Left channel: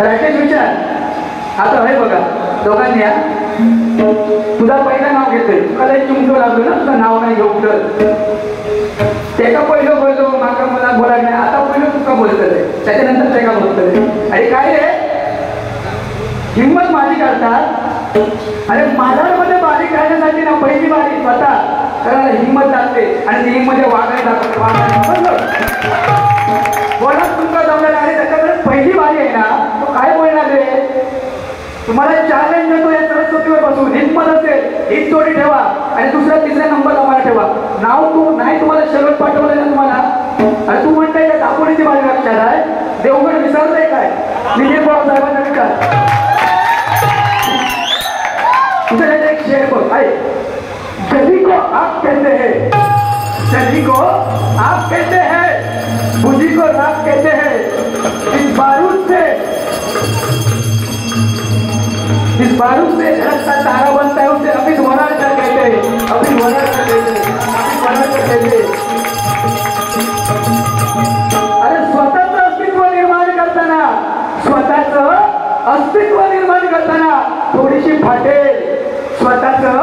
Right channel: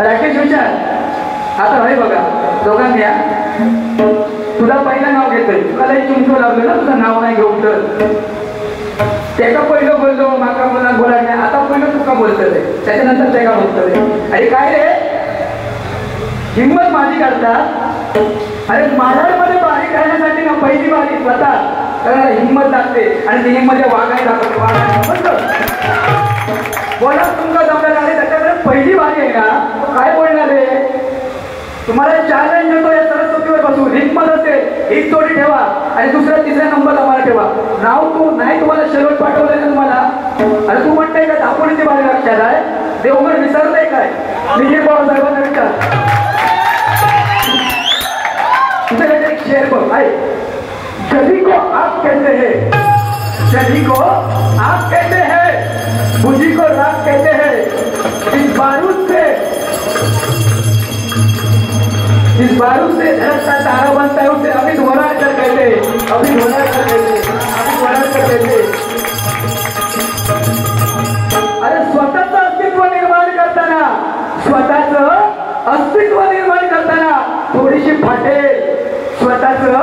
राकेश विचार आता हे बघा दोघांनी या तुझा पहिलं नाव घेतोय तुला एक चिंतो लागलो ना तुझं नाव नाही घेऊन त्याका पहिलं बोललो माका मला बोला नाही आता पहिलं तुका बोलतोय त्याच्यानंतर ते का बोलतोय अरे काय रे हिंमत माझी करता अरे माझ्यामध्ये बारीक राहण्यासाठी ना पहिली बारी स्वतः त्याला हिंमत लागते आणि ती हिंमत वागायला बोला तुमका जमणार आहे त्याच्याकडे पहिली बारी आहे ना तो काय बोलणार आहे तुम्हाला चॅलेंज देतो या सरस्वतीवर बसून हिंमत असेल एक जोडी ठेवा आणि दुसऱ्या तिसऱ्या नंबर तुम्हाला ठेवा नाव तू नाही तुम्हाला शेवट पाठवलंय ना तुम्हाला आणि तू म्हणताय का दापोलीची बारी लक्षात आहे देवगड विसरताय काय विजय पवार साहेबांना विचार तुझं एक शेर बघ आहे सभी को आप कहते हैं सभी को आप कहते हैं बुद्धि को रात कहते हैं इस बारूद से धरत का तारा बनता है उसे अभी होना क्या कहते हैं अभी होना क्या कहते हैं अभी होना क्या कहते हैं अरे स्वतःचं अस्तित्व निर्माण करताना थोडीशी फाटेल स्वतःचं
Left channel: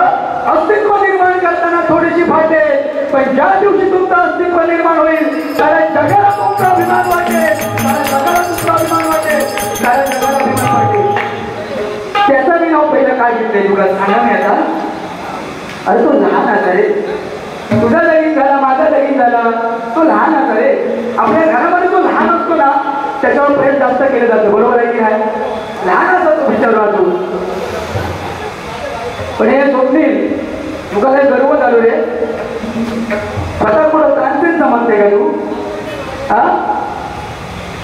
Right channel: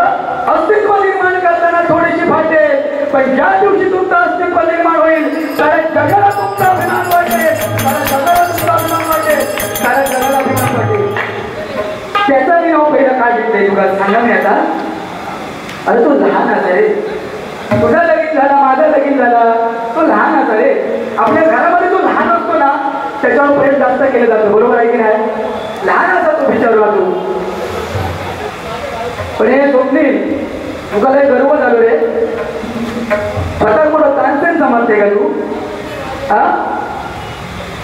अस्तित्व निर्माण करताना थोडीशी फाटेल पण ज्या दिवशी तुमचं अस्तित्व निर्माण होईल साऱ्या जगाला तुमचा अभिमान वाटेल साऱ्या जगाला तुमचा अभिमान वाटेल साऱ्या जगाला अभिमान वाटेल त्याचं मी नाव पहिलं काय घेतलंय तुला सांगा मी आता अरे तो लहान असा रे तुझा लगीन झाला माझा लगीन झाला तो लहान असा रे आपल्या घरामध्ये तो लहान असतो ना त्याच्यावर प्रेम जास्त केलं जातं बरोबर आहे की नाही लहान असा तो विचारला तू पण हे स्वप्नील तुला लय गर्व झालो रे स्वतः पुढं ताणतेच समजते का तू हा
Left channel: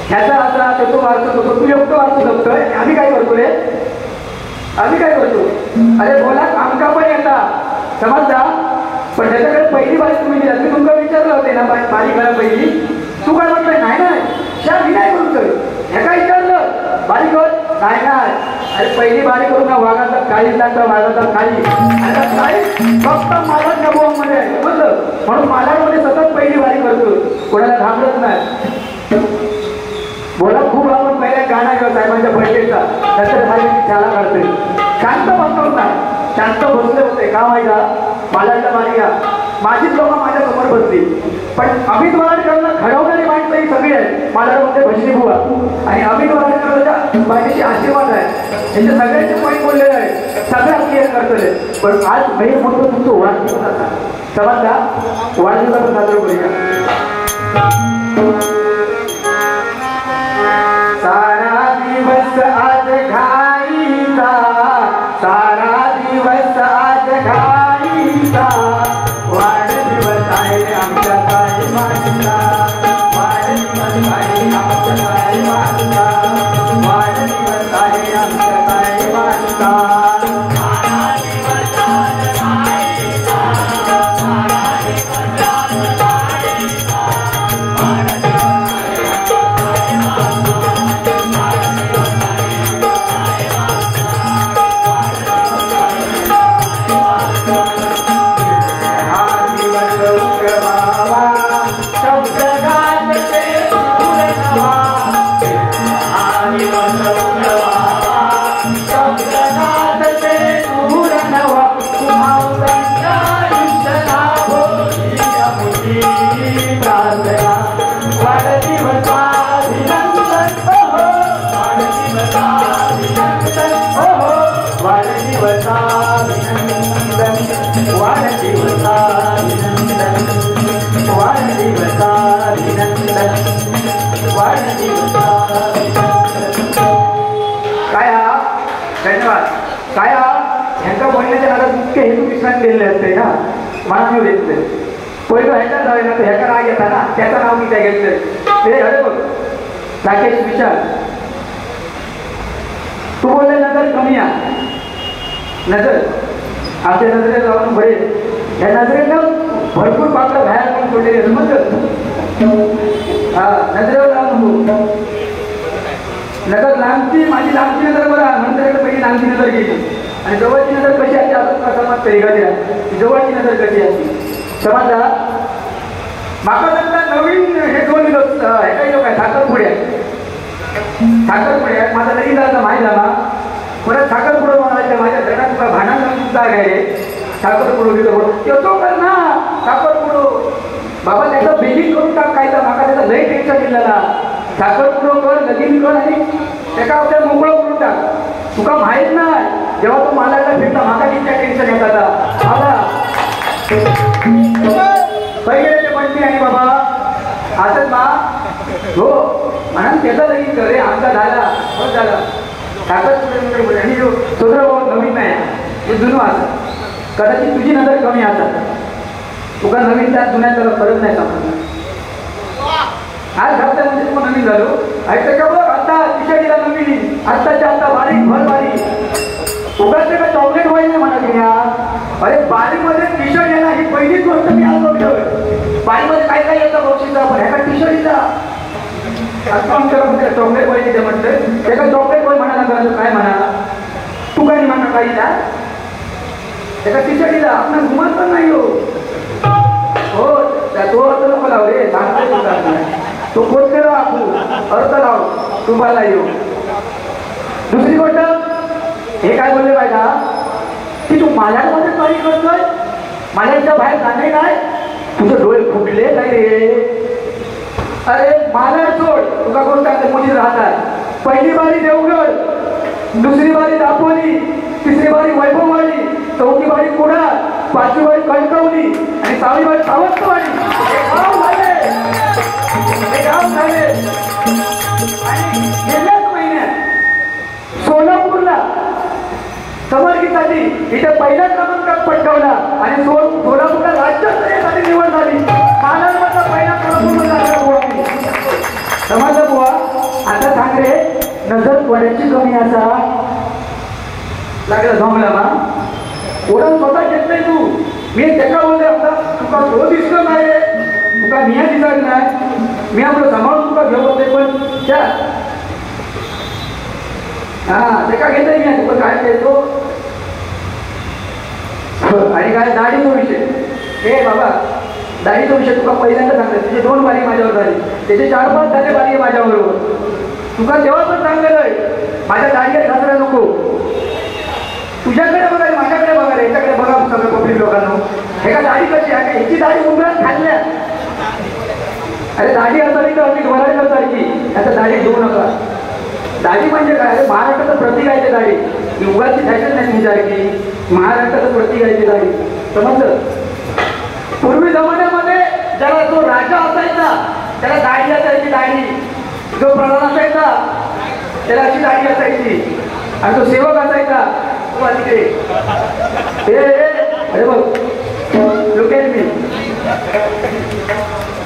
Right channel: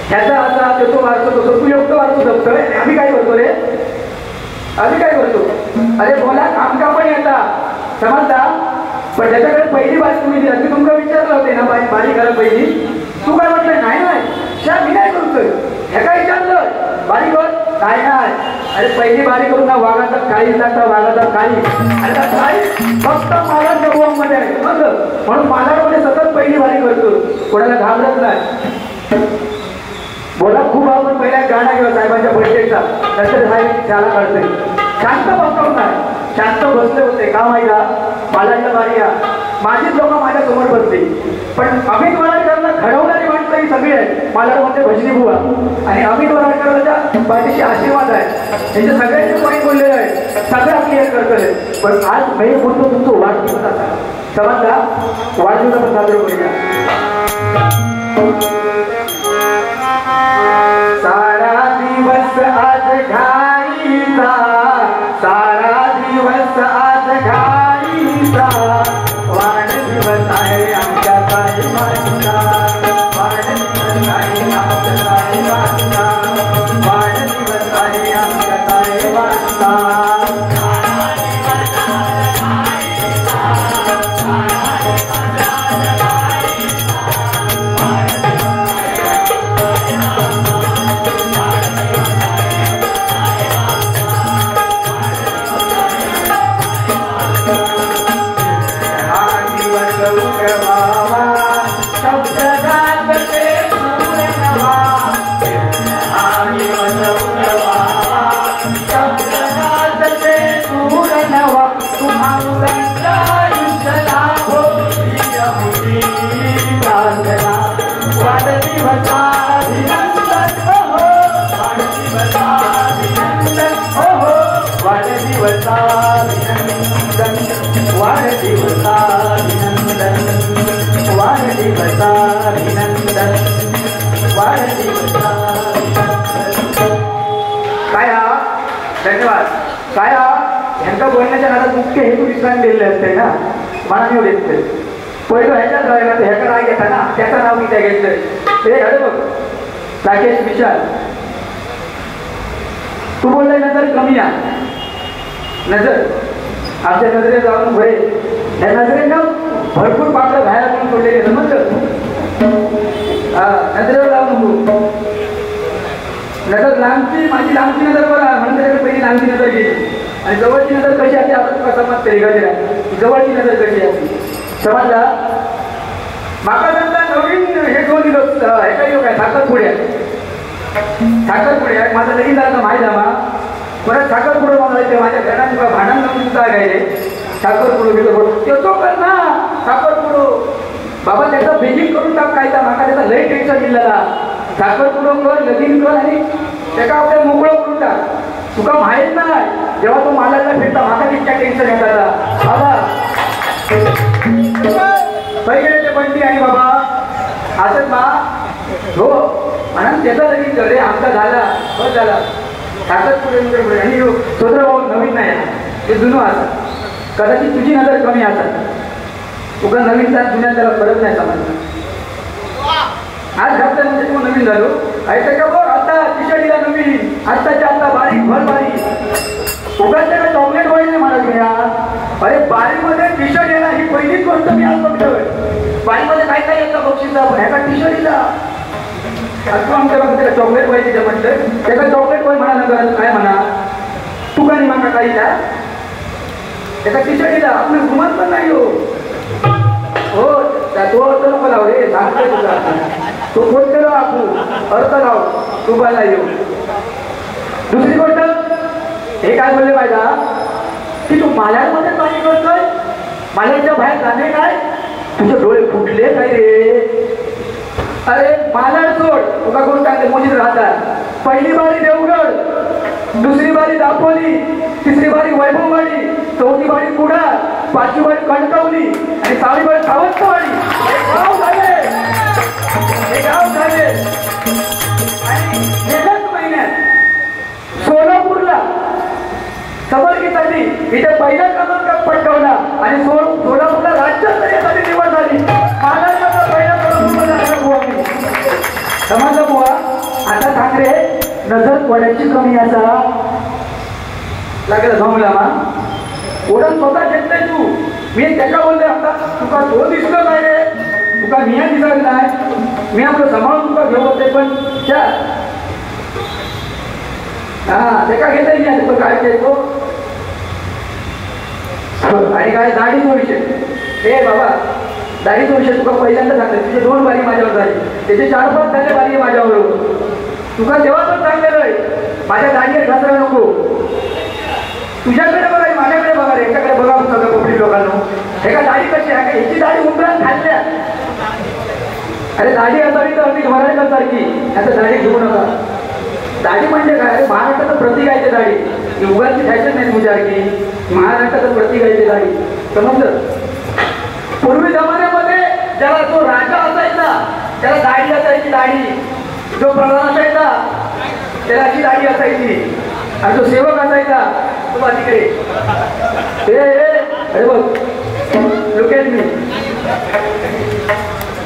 ह्याचा असा तो वाचतो तसं तू एवढं वाचू शकतोय आम्ही काय करतो रे आम्ही काय करतो अरे बोला आमका पण येतात समजता पण त्याच्याकडे पहिली बारी तुम्ही दिला मी तुमका विचारलं होते ना बारी करा पहिली तू काय म्हटलं नाही नाही मी काय करतोय हे काय विचारलं बारी कर नाही नाही अरे पहिली बारी करू ना वाघाचा काळी जाता वाघाचा काळी फक्त माझ्या जबाबमध्ये आहे समजलं म्हणून माझ्यामध्ये सतत पहिली बारी करतो कोणाला घाबरत नाही बोला खूप आपण पहिल्या गाणं घेऊ साहेबांच्या बड्डेचा नंतर साहेबांची शाळा करते शांत बसवत नाही शांत बसले होते का माहिती बालाच्या बारीला माझीच लोक माझ्या समोर बसते पण अमित वराडकरांना घडवणारी माणसं ही सगळी आहेत बालामध्ये भजनी बुवा आणि अमित वराडकरांच्या पाठीशी आशीर्वाद आहे त्यांच्या सगळ्यांचे कोणी बोललेलं आहे सगळ्या क्लिअर करतोय पण आज मी बोलतो तुमचं वाढदिवस समजला वाढदिवसाचं साजरा करूया सारा दिवस आज घाईचा सारा दिवस आज घाईचा वाढदिवस आहे आमच्या साहेबांचा वाढदिवस आहे आमच्या साहेबांचा वाढदिवस आहे आमच्या साहेबांचा मुख्य हेतू विसरून गेलेले असते ना मानव घेतले पहिलं ह्याच्यात राहिला तर ह्याचा राग येता ना त्याचं नाव मी त्या घेतलंय ते अरे बघ राकेश विचार तू बोललाय नजर कमी आहे नजर आपल्या नजरेत जाऊन भरे या नजरेनं भरपूर पाकं बाहेर घेऊन पडलेले समजलं हा नजरेवर जाऊन नजर लांबची माझी लांबची नजर बघा नंतर पहिली लांबची नजर गेली आणि जवळची नजर कशी असते आपण कसा पेगायला जवळची नजर कशी असते समजला माका नंतर नवीन हे दोन हे काही लोक आहे साखर पुढे साखरपुडे आहेत माझा लगीन झालं माहीत आहे मा परत साखरपुडं बनवायचं माझ्या घरात तुका भांडण सुद्धा आहे साखरपुडं गेलो तो कर ना साखरपुडं बाबा त्याचा बेगिंग करून टाक काय तर माका त्याचा लय टेन्शन दिलेला साखरपुडं कर लगीन कर आणि त्याका आपल्याला मोकळं करून टाक तुका माहीत नाही जेव्हा तू मला भेटता माका तितक्या टेन्शन येतात बाबा पहिले पण आहे बाबा असंच मा हो म्हणून त्याचा लगीन कर रे आमचा झाला बस झाला साखरपुडे आणि सोदर भाऊ नवीन नाही हे जुनं असं कदाचित तुझी नजर कमी असतात तुका नवीन त्यात जुन्या त्याला कळत नाही समजलं आज घातलं म्हणजे तू नवीन झालो ऐकतं का बघ आता तिच्याडीला नवीन आत्ताच्या आता बारीक भर बारीक उगाच का चॉकलेट व्हायचं म्हणा घ्या अरे बारीकमध्ये टी शर्ट येणार ही पहिलीच गोष्ट मी आज बघतोय बारीकमध्ये काय काय येतं बक्षीचा पण ह्याचा टी शर्ट येतं आता आमच्या म्हणते चॉकलेट पाहिजे म्हटलं त्याला चॉकलेट पाहिजे म्हणा नका काय म्हणा तू काय म्हणा काही ना त्याचा टी शर्ट येला आपण घुमत पण नाही हो तो अर्थ नको लाव रे सांगतोय तुला तो कोणते लाव आपण अर्थ लाव तुम्हाला येऊ दुसरी गोष्ट हे काय बोलले पाहिजे की तू माल्यामध्ये पाणी करतोय माल्याच्या बाहेर जाणे काय तुझे डोळे फुटले काय रे अरे माला सोड तुका कोण काय मुलीत राहतात पहिली बारी देवगड दुसरी बारी दापोली तिसरी बारी वैभववाडी चौथी बारी कुडा पाचवी बारी कणकवली आणि सहावी बारी सावंतवाडी हे गाव झाले आणि गेल्याच महिन्यात सोलापूरला समर्गितसाठी इथे पहिला क्रमांक पटकावला आणि सोलापूरला राज्यस्तरीयसाठी निवड झाली महाराष्ट्राचा पहिला क्रमांक समजलं बुवा आता सांग रे नजर कोणाची कमी असा लागला जमला ना ओढून स्वतः घेत नाही तू मी त्याला बोलले आता तुका तो दिसतो नाही रे तुका मिया दिसायला नाही मी आपलं सांभाळून तुका घेऊ होते पण त्या हा ते का घेत मी तुका काय घेतो आणि काय दाढीचा विषय हे बाबा दाढीचा विषय तुका पहिल्यांदा सांगते तुझे 2 बारी माझ्यावर झाली त्याचे 4-5 झाले बारी माझ्याबरोबर तुका तेव्हा पण सांगलेलं आहे माझ्या दाढीवर घासरा नको तुझ्याकडे बघा माझ्याकडे बघा याच्याकडे बघा सगळं कोपरी लोकांना हे का दाढी कशी आहे ह्याची दाढी उंबरात खाल्ल्या अरे दाढी असावी तर मी मराठी सारखी त्याचं दाढी घेऊ नका दाढी म्हणजे काय अरे महाराष्ट्राचं प्रतीक आहे ते दाढी उगाची फॅशन नाही तुझ्यासारखी महाराष्ट्राचं प्रतीक आहे ते दाढी समजलं पूर्वी जमान्यामध्ये ज्याला तो राजा असायचा त्याला दाढी असायची दाढी जो प्रधान असायचा त्याला अशी दाढी असायची आणि जो सेवक असायचा तो तिकडे अरे बघ लोकेल मी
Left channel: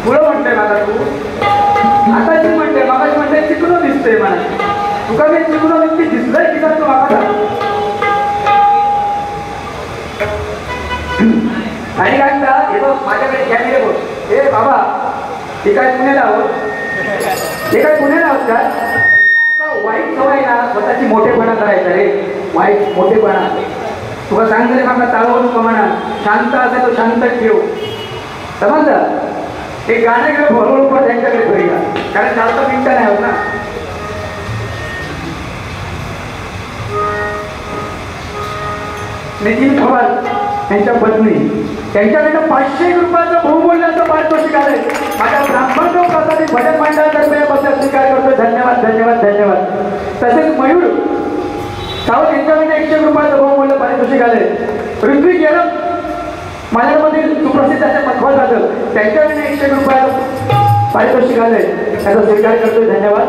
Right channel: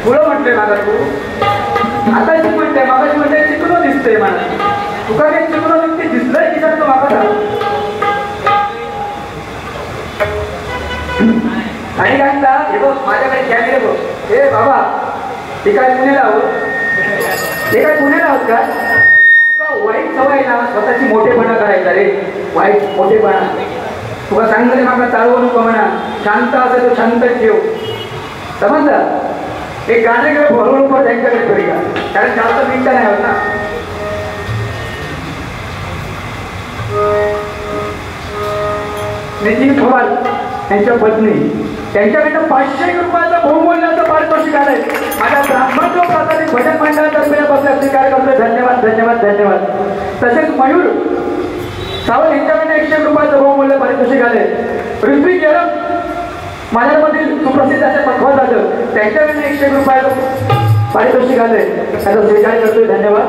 पुढं म्हणतोय मला तू आता मी म्हणते मागाशी म्हणते चिकून दिसतंय मला तुका काही चिकून दिसलंय की जातो बाबा आणि काय का हे बघ माझ्याकडे कॅमेरे बघ हे बाबा हे काय पुण्याला आहोत हे काय पुण्याला आहोत का तुका वाईट सवय ना स्वतःची मोठेपणा करायचा रे वाईट मोठेपणा तुका सांगतले माका चालवू नको म्हणा शांत असेल तो शांत ठेव समजलं एक गाणं घेऊ बरोबर त्यांच्याकडे करूया कारण जास्त मिनिटं नाही होत ना नितीन पवार यांच्या पत्नी त्यांच्याकडनं 500 रुपयाचं बहुमूल्याचं पारितोषिक आहे माझ्या ब्राह्मण प्रसारित भजन मंडळातर्फे स्वीकार करतो धन्यवाद धन्यवाद धन्यवाद तसेच मयूर सावंत यांच्याकडनं 100 रुपयाचं बहुमूल्य पारितोषिक आले ऋत्विक गेलं माझ्यामधील सुप्रसिद्ध असे मध्व झालं त्यांच्याकडनं 100 रुपयाचं पारितोषिक आले त्याचा स्वीकार करतो धन्यवाद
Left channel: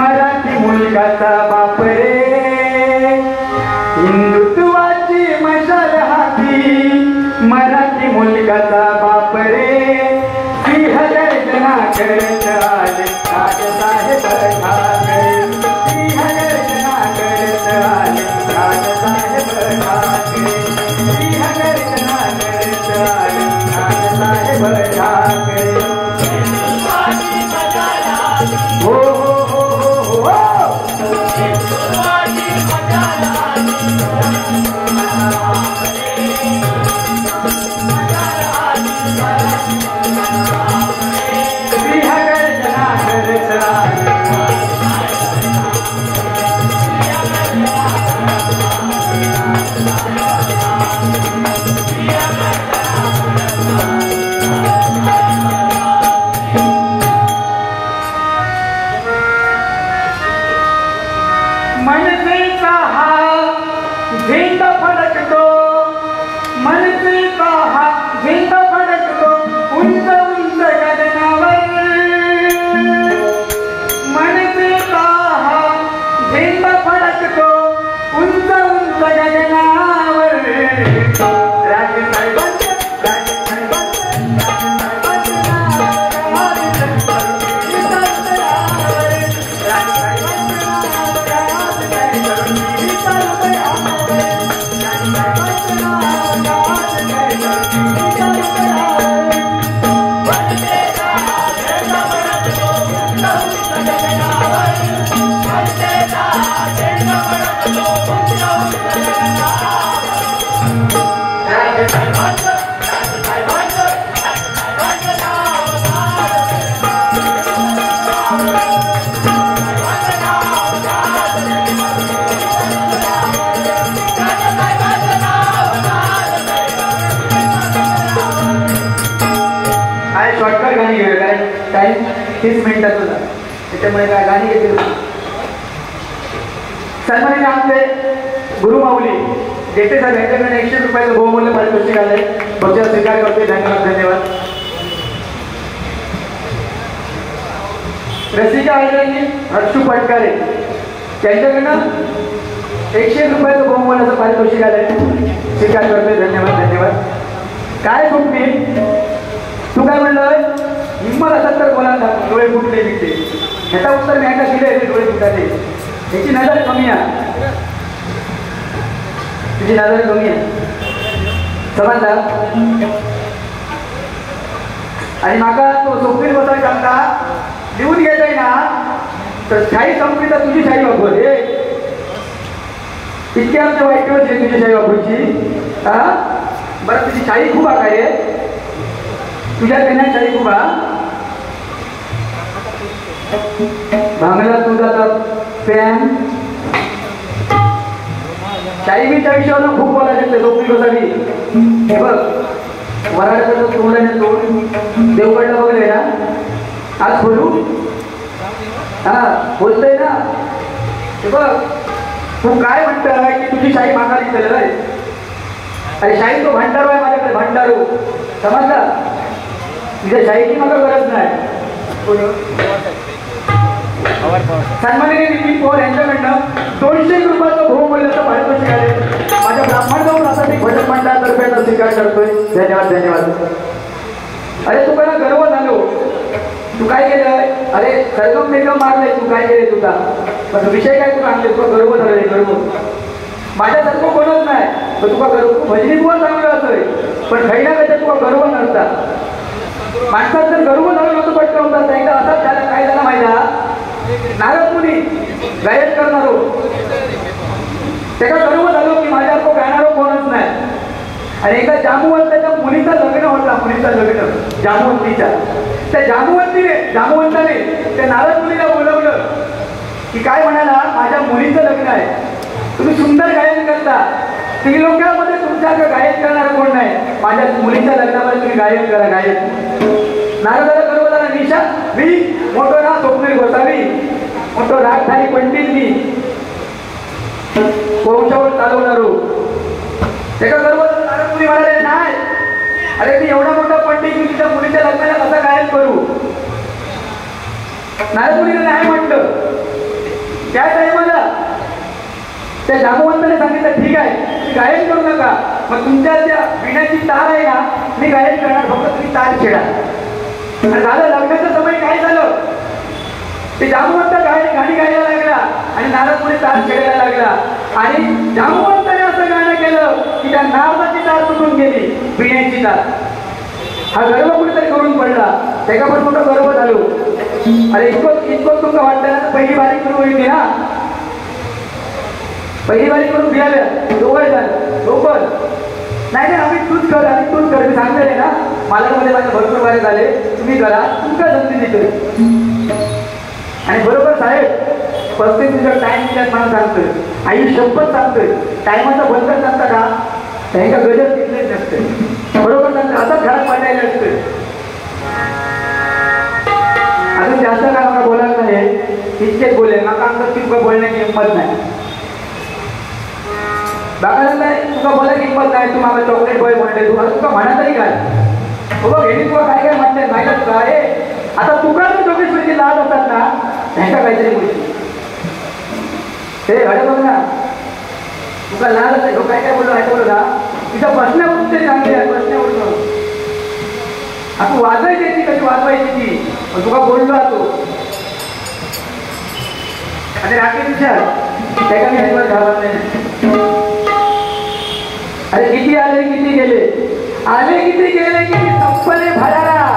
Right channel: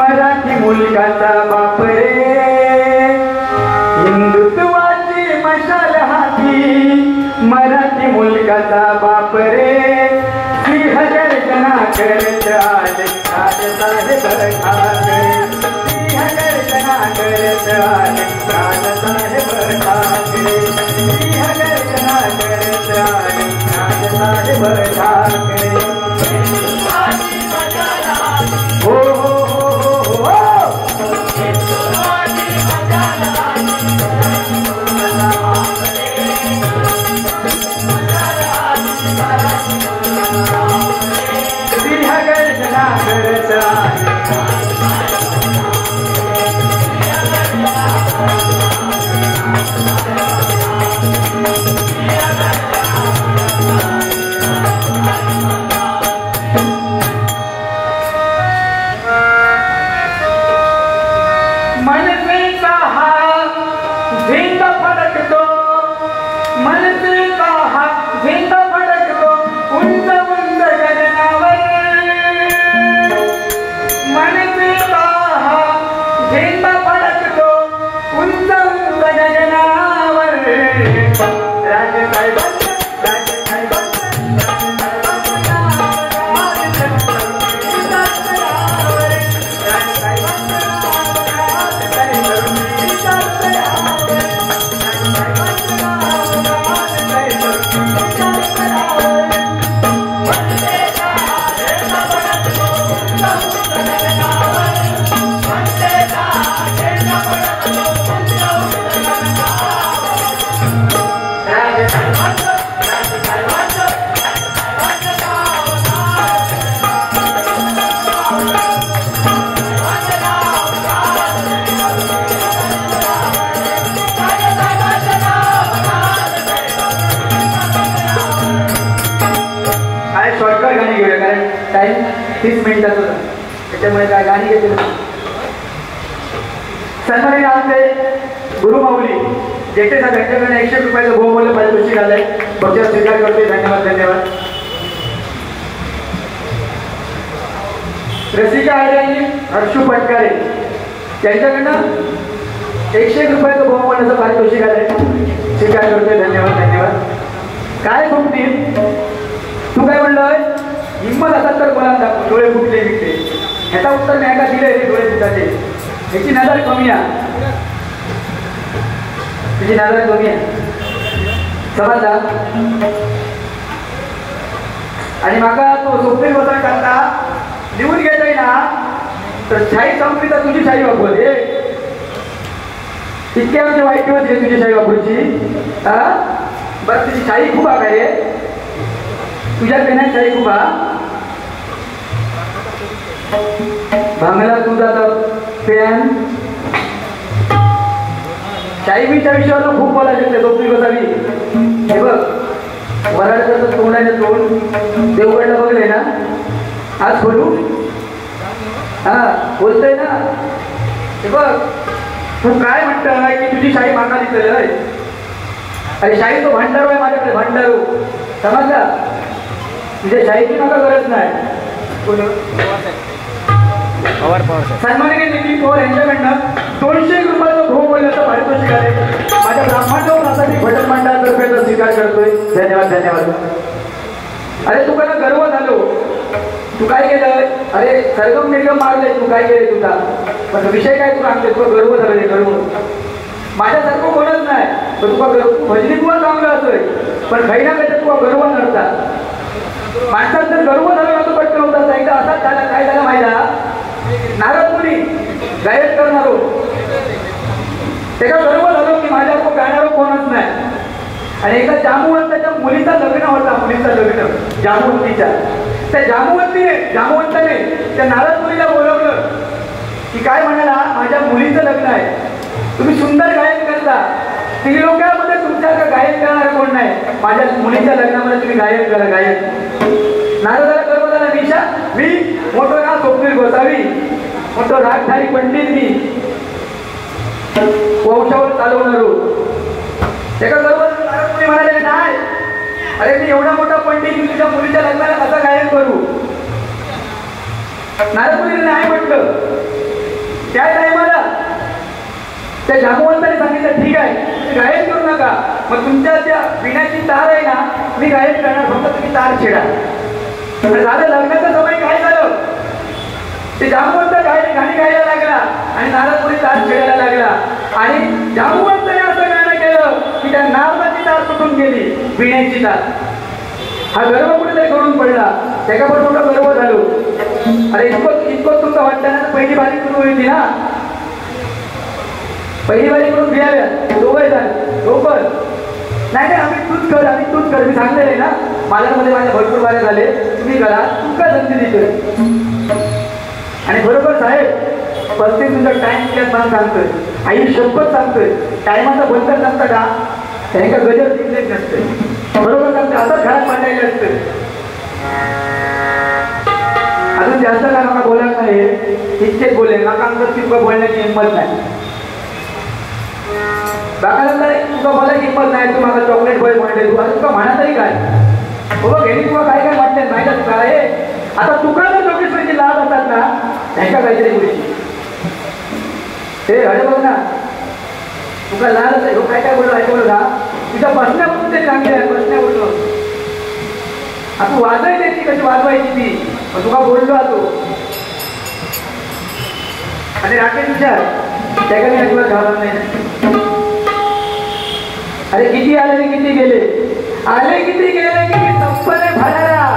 मराठी मुलगाचा बाप रे हिंदुत्वाची मशाल हाती मराठी मुलगाचा बाप रे 3000 जना करत आले साहेब ठाकरे 3000 जना करत आले साहेब ठाकरे 3000 जना करत आले साहेब ठाकरे हो सन्माननीय आमचे गुरुमाऊली जेठे साहेब यांच्याकडे 100 रुपयाचं बहुमूल्य पारितोषिक आलंय. पुढच्या स्वीकार करते. धन्यवाद धन्यवाद. रसिका आचार्य हर्षू पटकारे यांच्याकडनं 100 रुपयाचं बहुमूल्याचं पारितोषिक आलंय. स्वीकार करते. धन्यवाद धन्यवाद. काय गुप्ती तू काय म्हणलोय? हिंमत असा तर मला डोळे फुटले विकते. ह्याचा उत्तर मी एका दिले डोळे फुटाचे. ह्याची नजर कमी आहे. तुझी नजर कमी आहे समजला. आणि माका तो सुप्रीम कोर्टात करता लिहून घेताय ना तर शाही संपली तर तुझी शाही वापर हे इतके आमचे वाईट दिवस आहे तुझी शाही वापरूची. हा बरं तुझी शाही खूप आहे रे. तुझ्या देण्यात शाही खूप भांगला तुझा तर फॅन शाहीबीच्या विषयावर खूप बोलायला लागते. लोकरी गोसावी हे बघ वराडकडं तोंडाने तोंड देवगडला बघले ना आज बोलू हा बोलतोय ना. हे बघ तू काय म्हणतोय की तुझी शाही मागा दिसलेलं आहे. अरे शाही तो भांडारू आहे माझ्याकडे भांडारू समजला. तुझ्या शाहीची मला गरज नाही. सन्माननीय नितीन पवार यांच्याकडनं 200 रुपयाचं बहुमूल्याचं पारितोषिक आहे. माझ्या ब्राह्मण प्राथमिक भजन मंडळातर्फे स्वीकार करतोय. धन्यवाद धन्यवाद. अरे तू मला गर्व झालो. तू काय केलंय? अरे सरगम निर्गम मारले तू काय केले तुझा पण विषय काय तू आणले. तुला गर्व झाले गर्व. माझ्यासारखं कोणच नाही तर तुला गर्व. तू भजनीत पण चांगलं असतोय पण काही ना काही तुला गर्व नसतात. माणसात जर गर्व झाला ना तू पटकन होतात. एकदा असाच झाला काय झालं माहिती नारद मुनी गायक करणारो त्याचा गर्व झालो की माझ्यासारखं गाणारो कोणच नाही. आणि एकदा जांबुवंताच्या मुलीचं लग्न होता. मुलीचं लग्न जांबुवंतीच्या. त्या जांबुवंताने त्या नारद मुलीला बोलवलं की काय म्हणाला माझ्या मुलीचं लग्न आहे. तुम्ही सुंदर गायन करता. त्रिलोकामध्ये तुमच्याकडे गायन करणार कोण नाही. माझ्या मुलीच्या लग्नामध्ये तुम्ही गायन करा गायन. नारदाला गर्व झाला. निशा मी मोठं राग स्वप्नील गोसावी मोठं रागधारी पंडित मी वंशावर चालवणार. त्याचा गर्व नारद मुनी म्हणाले नाही. अरे मी एवढा मोठा पंडित मी तुझ्या मुलीच्या लग्नाला कसा गायन करू. नारद मुनीने नाही म्हटलं. काय नाही मला त्या जांबुवंताने सांगितलं ठीक आहे गायन करू नका. मग तुमच्या त्या पिण्याची तार आहे ना मी गायन करणार. फक्त तुम्ही तार छेडा. झालं लग्नाचा समय काय झालं ते जांबुवंत गाणी गायला लागला आणि नारद मुनी तार छेडायला लागला. आणि जांबुवंताने असं गाणं केलं की त्या नारदाची तार तुटून गेली पिण्याची तार. हा गर्व कुठेतरी करून पडला. त्याचा पण मोठं गर्व झालो. अरे इतकं तुमचं वाटतं ना पहिली बारीक सुरू होती ना पहिली वारी करून घ्याव्या दोघं झालं लवकर नाही आम्ही तूच कर मी सांगते ना मालामध्ये माझ्या भरपूर वारे झाले तुम्ही करा तुमका संधी देते आणि बरोबर साहेब प्रत्येक तुमचा टाइम त्यात मला सांगतोय आई शपथ सांगतोय टायमाचा बंधन सांगता का त्यांना गजर तिथलेच नसते बरोबर सांगतं आता घरात पडलेले असते अजून जास्त काय मला बोलायचं नाही इतकेच बोले मला आमचं तितकं बोलण्याची हिंमत नाही दाखला तुका मला किंमत नाही तू मला चॉकलेट बॉय म्हणते तुका म्हणा तरी काय तुला घेणे तुला काय काय म्हणते माहिती तुका अरे आता तुका जर जोगेश्वरीचे नाव असतात ना त्यांच्या काहीतरी गोष्टी ते घडे बघ ना तुका लालच आहे काय काय बोलला ऐकलं ना तिचा प्रश्न उठते चांगले आहे प्रश्न उठतो आपण वाजवायची ती कशी वाजवायची ती तुका बोललो तो आणि राकेश विचार त्या काही अजिबात घालत नाही अरे किती आले किती गेले किती संपले भराला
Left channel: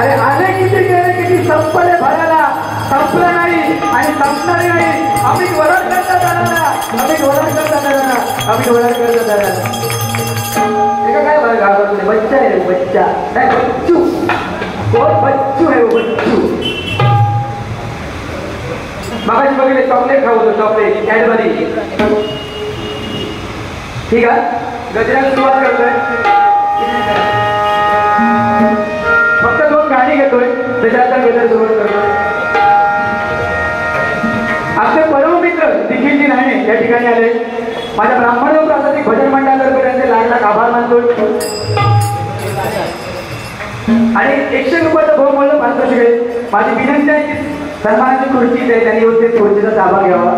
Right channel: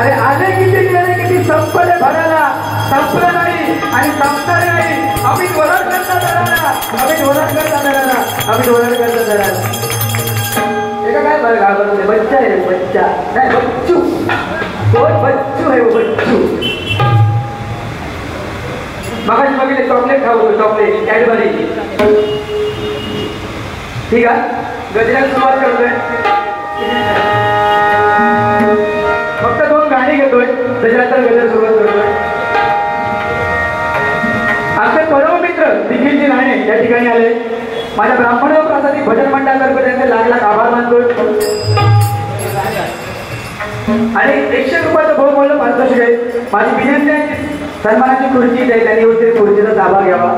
अरे आले किती गेले किती संपले भराला संपलं नाही आणि संपणारे नाही आम्ही डोलार करता काय घाबरले बच्चा आहे बच्चा नाही बच्चू बच्चू आहे बच्चू मगाशी बघितले चॉकलेट खावतो चॉकलेट कॅडबरी ठीक आहे गजरात सुरुवात करतोय फक्त 2 गाणी घेतोय त्याच्यानंतर गजर सुरुवात करतोय आपले परम मित्र दिग्विजय राणे या ठिकाणी आले माझ्या ब्राह्मणावर आता ती भजन मंडळातर्फे त्यांचे लाख आभार मानतोय आणि 100 रुपयाचं भाऊ बोललं 500 काही माझी विनंती आहे की सन्मानाची खुर्ची आहे त्यांनी होते खुर्चीचा ताबा घ्यावा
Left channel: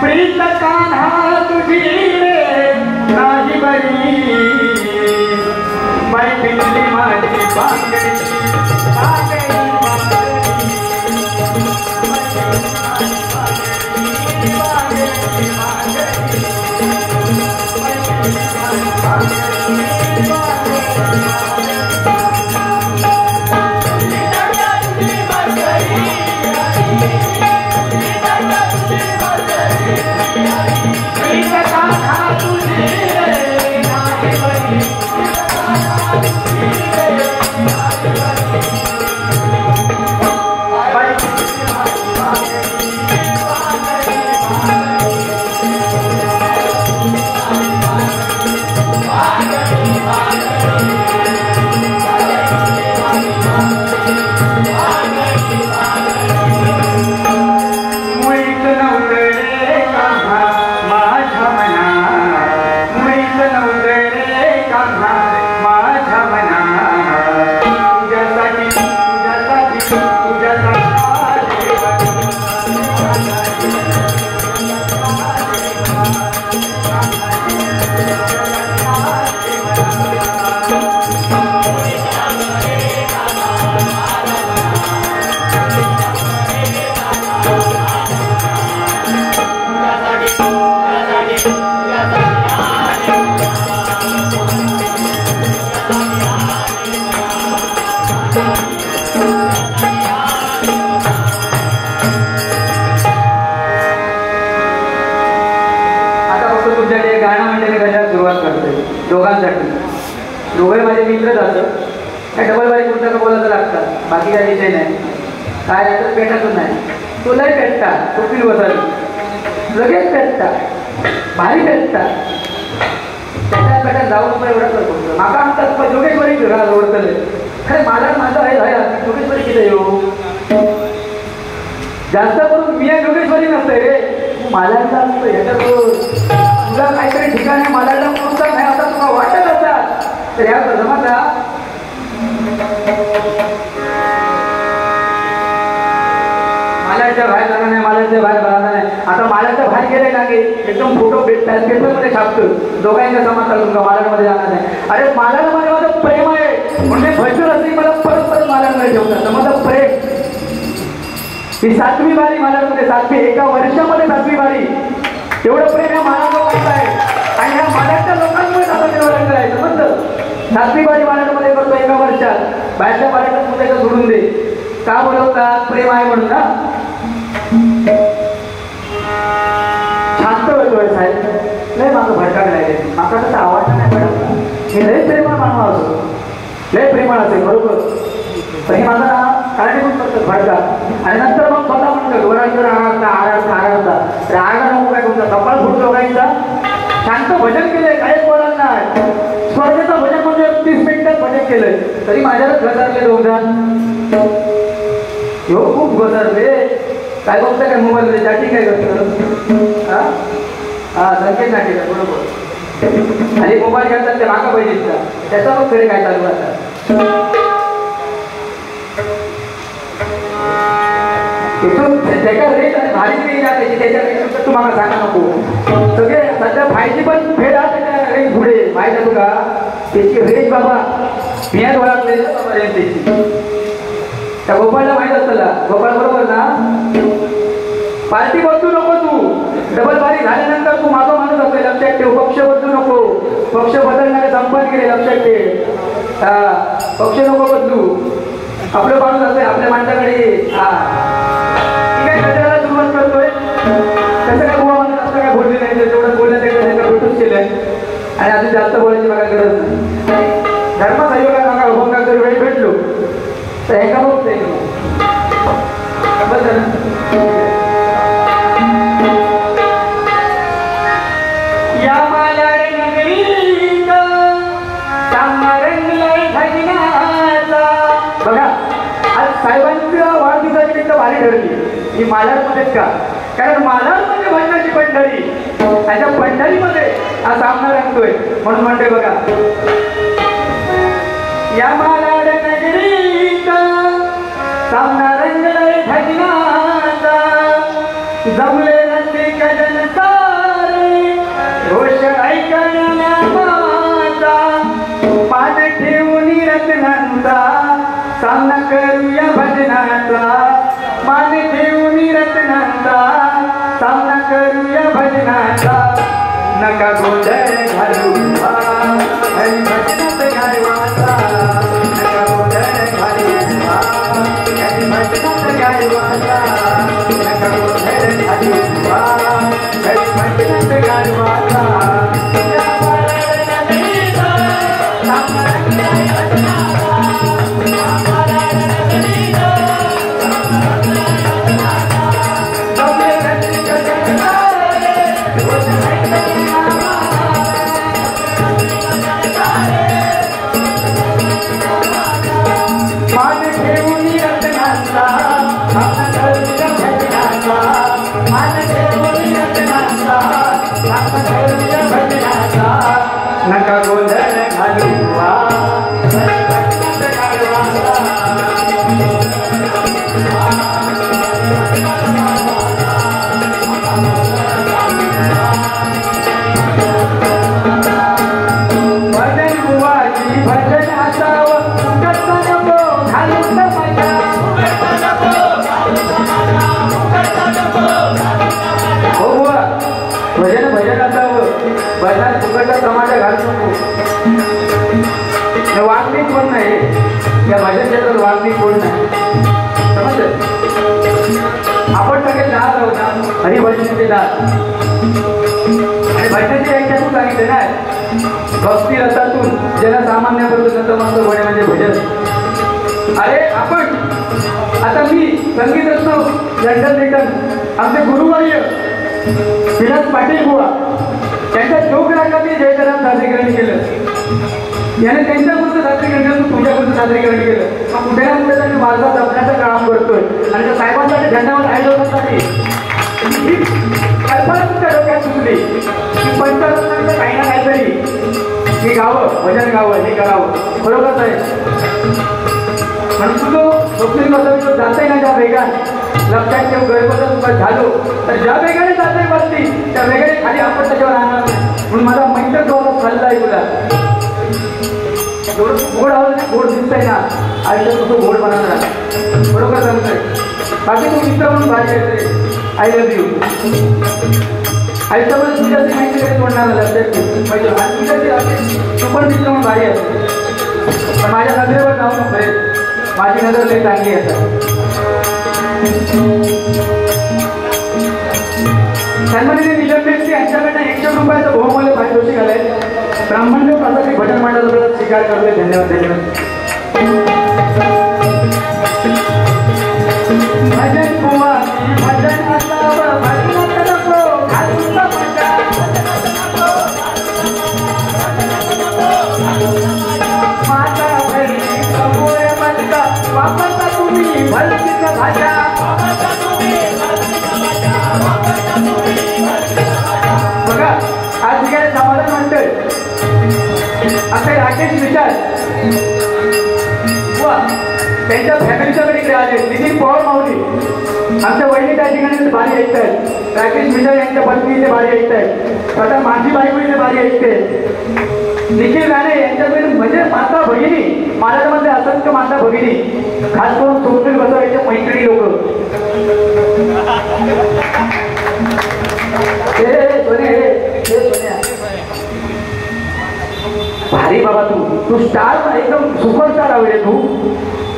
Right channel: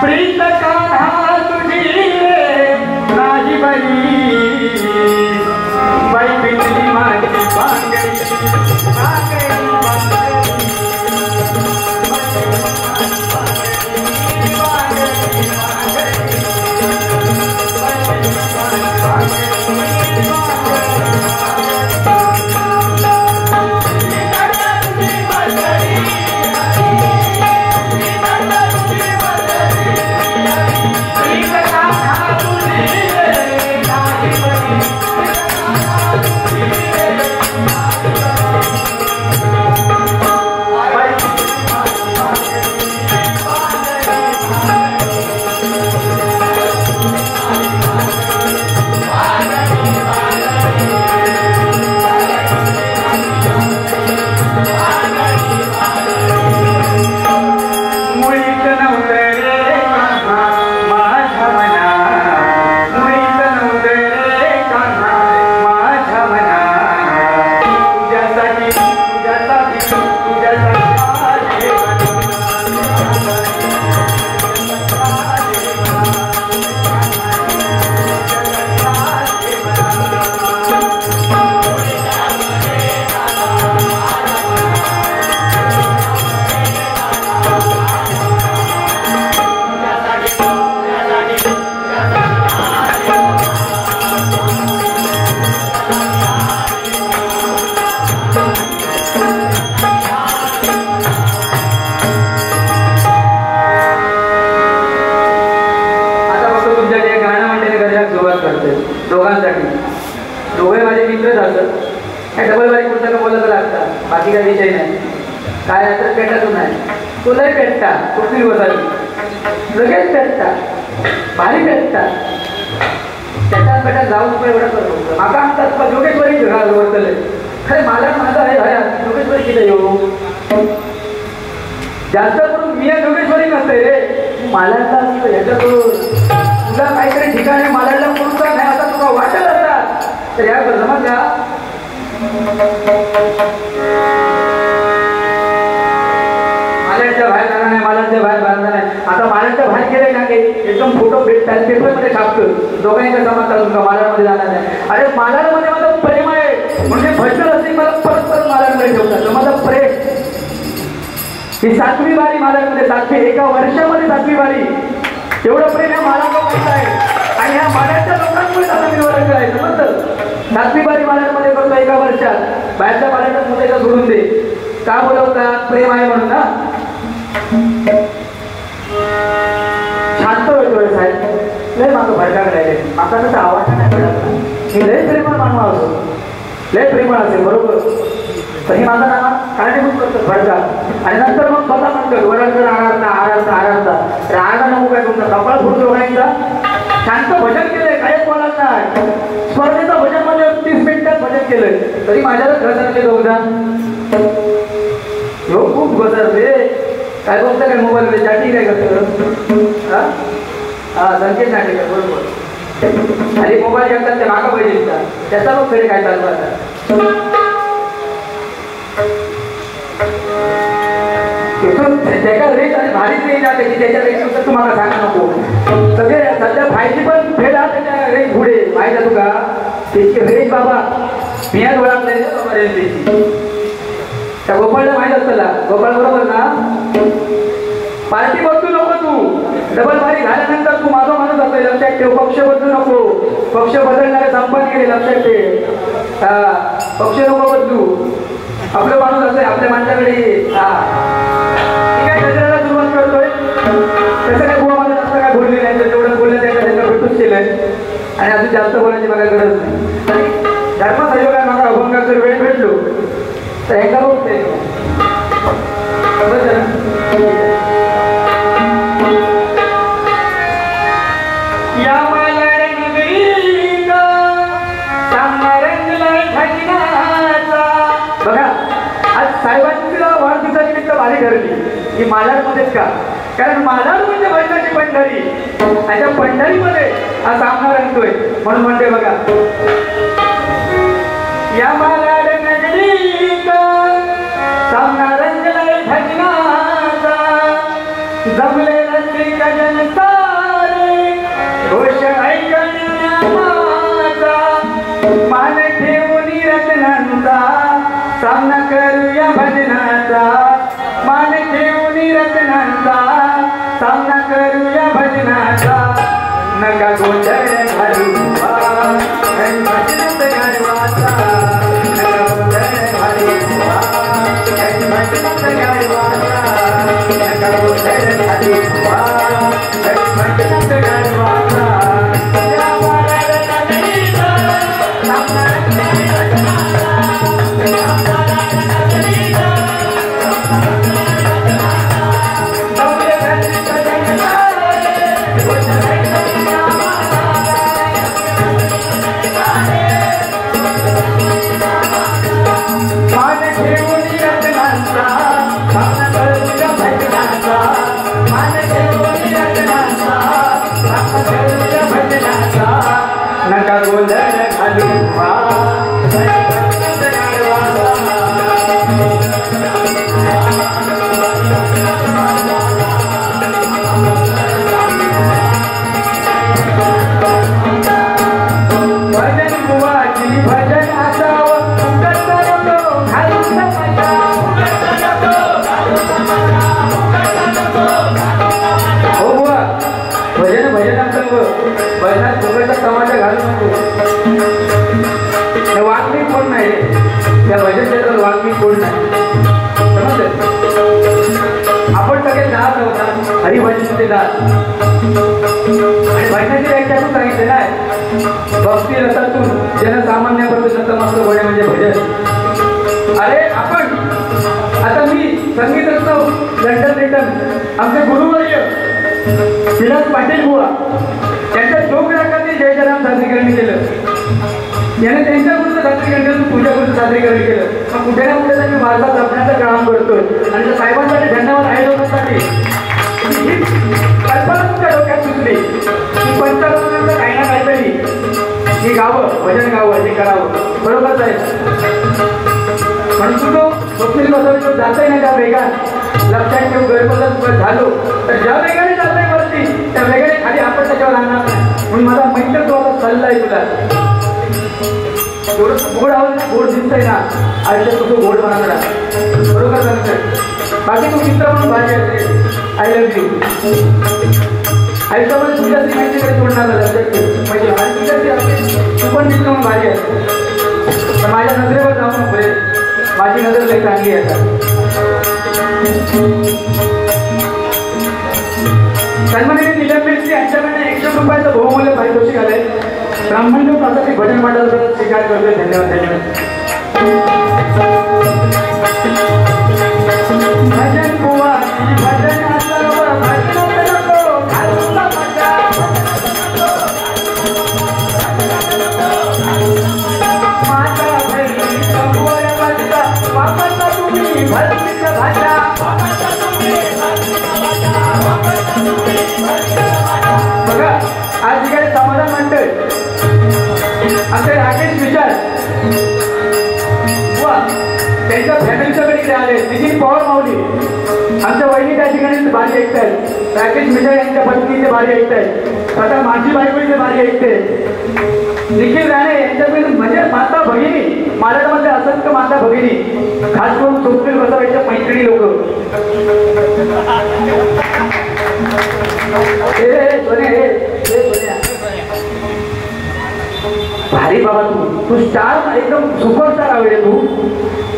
प्रीत कान्हा तुझी रे नाही बरी बाई पिंजली माझी बांगडी दोघे माझे मित्रच असत काय डबल बाईक पुस्तकं बोलत लागतात बाकी काही विषय नाही काय असं पेटातून नाही तुलाही पेटतात कुठली बसावी लगेच पेटतात भारी पेटतात त्याच्यात पेटात जाऊन पण एवढंच होतो माका म्हणतात जोगेश्वरी घरात ओळखले खरे माझा माझा आहे भाया जोगेश्वरी केलं येऊ जास्त तू मिया जोगेश्वरी नसते रे मालांचा असतं ह्याच्यात तुला काहीतरी ठिकाण आहे मालाला कोणता नाही आता तुला वाटत असतात तर या जमत ना मालाच्या बाहेर जाणार नाही मालाच्या बाहेर जाणार नाही आता मालाच्या बाहेर गेले ना काही एकदम फोटो भेटतात पेपरमध्ये छापतो दोघांच्या समजतात तुला मालामध्ये जाणार नाही अरे मालामध्ये माझं प्रेम आहे म्हणजे भजन असेल मला परत मालांमध्ये ठेवतात माझं प्रेम ही 7वी वारी मालामध्ये 7वी एका वर्षामध्ये 7वी वारी एवढं प्रेम या महाराष्ट्रात आहे आणि ह्या महाराष्ट्र लोकांमुळे आपण निवडणूक करायचं समजतं. नागरिकवादी महाराष्ट्रामध्ये करतो एका वर्षात, बाहेरच्या महाराष्ट्रामध्ये का सोडून दे. का बोलवतात? प्रेम आहे म्हणून ना. शांत होतोय साहेब, लय मागं भडकाकडे आहे. आता त्याचा आवाज नाही पडत की लय प्रेमाळ मानवा असो, लय प्रेमाळ असेल बरोबर. तरी माझा कारणीभूत करतात भडका आणि नंतर मग स्वतः म्हणतात वरांकडे आराधना आराधना आराधना रागा नको काय तुमचा कपाळ फुट जोडायचा. शांत भजन केलंय, काहीच बोलत नाही. स्पर्धेचं भजन मध्ये 30 मिनिटात भजन केलंय तरी माझ्याला घसारले होता. हो खूप घसरले. काय बघता काय मोबाईल मध्ये चाटी काय करतो हा संकेत नाटी काय बरोबर. आणि मोबाईल घेतात ते मागा पाहिजे त्याचा मग खरे काय चालू राहतात. त्याच्यापेक्षा तुम्हाला सांगा नको सगळे सध्या फायची पण फेड त्याच्या पुढे माहिती आहे तुला त्याची रेंज बाबा बियाण ओळखले त्या गोपाळला माहित असताना गोपाळ बरोबर ना. पार्टी बदलू नको तू, डबल पारी झाल्यानंतर तू माझा माणूस असतो लक्षात ठेव. पक्ष बदलू नको, पक्ष बदलणारे संपत गेले लक्षात ठेव. हा पक्ष नको बदलू, आपलं माणूस असते आपल्या माणसाकडे. हा ठीक आहे, कचऱ्याला सुरुवात करतोय. कसं काय गोवामध्ये जास्त काय बोलली नाही, तेवढं बोललं त्याच्या भेटून केलंय आणि अजून जास्त बोलायची मला गरज नाही. धर्मसहयोगा नका अभंगाचा वेळ भेटलो तर एका बोलते या माया बघा आज साहेबांच्या वाढदिवसानिमित्त भारी ठरली ही मालाडमध्येच का, कारण मालाड म्हणजे भाजपाची पंढरी आणि त्या पंढरीमध्ये हा सामना रंगतोय म्हणून म्हणते बघा. या मालाड नगरीत सामना रंगलाय धन्याचा जमले नसते कजन सारे रोष ऐकण्याचा मान ठेवून रत्नांचा सामना करूया भजनाचा. मान ठेवून रत्नांचा सामना करूया भजनाचा. नका गोंधळ घालू भजनात गाडवाचा. नका गोंधळ घालू भजनात गाडवाचा. नका गोंधळ घालू भजनात गाडवाचा. नका गोंधळ घालू भजन बुवाची भजन असावं भजन भजन असावं भजनात फुकटचा तमाशा घालू नको. वागणी कोण नाही या भजन क्षेत्रात वागणी कोण नाही समजलं. आपण सगळे जात आहोत हरिभजनाचे जात आणि भजनाची व्याख्या तू सांगितले नाही भक्ती रसातून जनसामान्याबद्दल नतमस्तक होणे म्हणजे भजन. अरे आपण आता मी संगीत रत्न लंडन रिटर्न आमचे गुरुवर्य विलास पाटील बुवा त्यांच्या जोग रागाने जयजराम सादरीकरण केलं. याने त्यांच्याबद्दल सादरीकरण केलं, तुझ्याबद्दल सादरीकरण केलं. मग कुठे ना कुठे त्यांनी माझा जपण्याचं काम करतोय आणि साहेबांसाठी धन्यवाद आयोजकांसाठी कल्पना तुमच्या डोक्यात सुचली की पंचावन्न काही ना काहीतरी हे गावं भजन गावं हे करावं बरोबर आहे. म्हणून तू जाते ना ज्या वेगात लक्षात ठेवू गैरबदल झालो तर ज्या वेगाने जाते वरती त्या वेगाने खाली आपण त्याच्यावर राहणार नाही. म्हणून माझा मिनिट तो सल्ला आहे तुला एवढं गोड आवाज गोड दिसतंय ना आयुष्यात तुझं गोड बनवणार बरोबर चालतंय. बाकी तू मित्र म्हणून भाषा आय लव्ह यू. आयुष्यामध्ये तुझ्या माहिती काही पडणार म्हणजे तू पण मित्र मग भारी असतो पण माझ्या नजरेवर जाऊ नको माझी नजर लई चांगली आहे सन्मानित निलंबित यांच्याकडे 100 रुपयाचं बहुमूल्य पारितोषिक आलंय ब्राह्मण पासाठी भजन मंडळाचा स्वीकार करतोय धन्यवाद धन्यवाद भजन बुवा भजन बघा आज जे समाधान म्हणतोय आमचे राकेश विचार त्यांच्या फॅमिलीच्या कडे आले नितीन पवार मोदी आमच्या वहिनी त्या ठिकाणी भारी ऐकतायत राकेश विजय यांच्या पत्नीचे भारी ऐकतायत आता माझी बायकोचे भारी ऐकते निखिल राणे यांच्याकडे म्हणजे माता भगिनी महाराष्ट्रामध्ये असंख्य माता भगिनी खास करून सोपील बसवायच्या मैत्रिणी लोक भारी बाबा तू स्टार एकदम सुपरस्टार आहे तू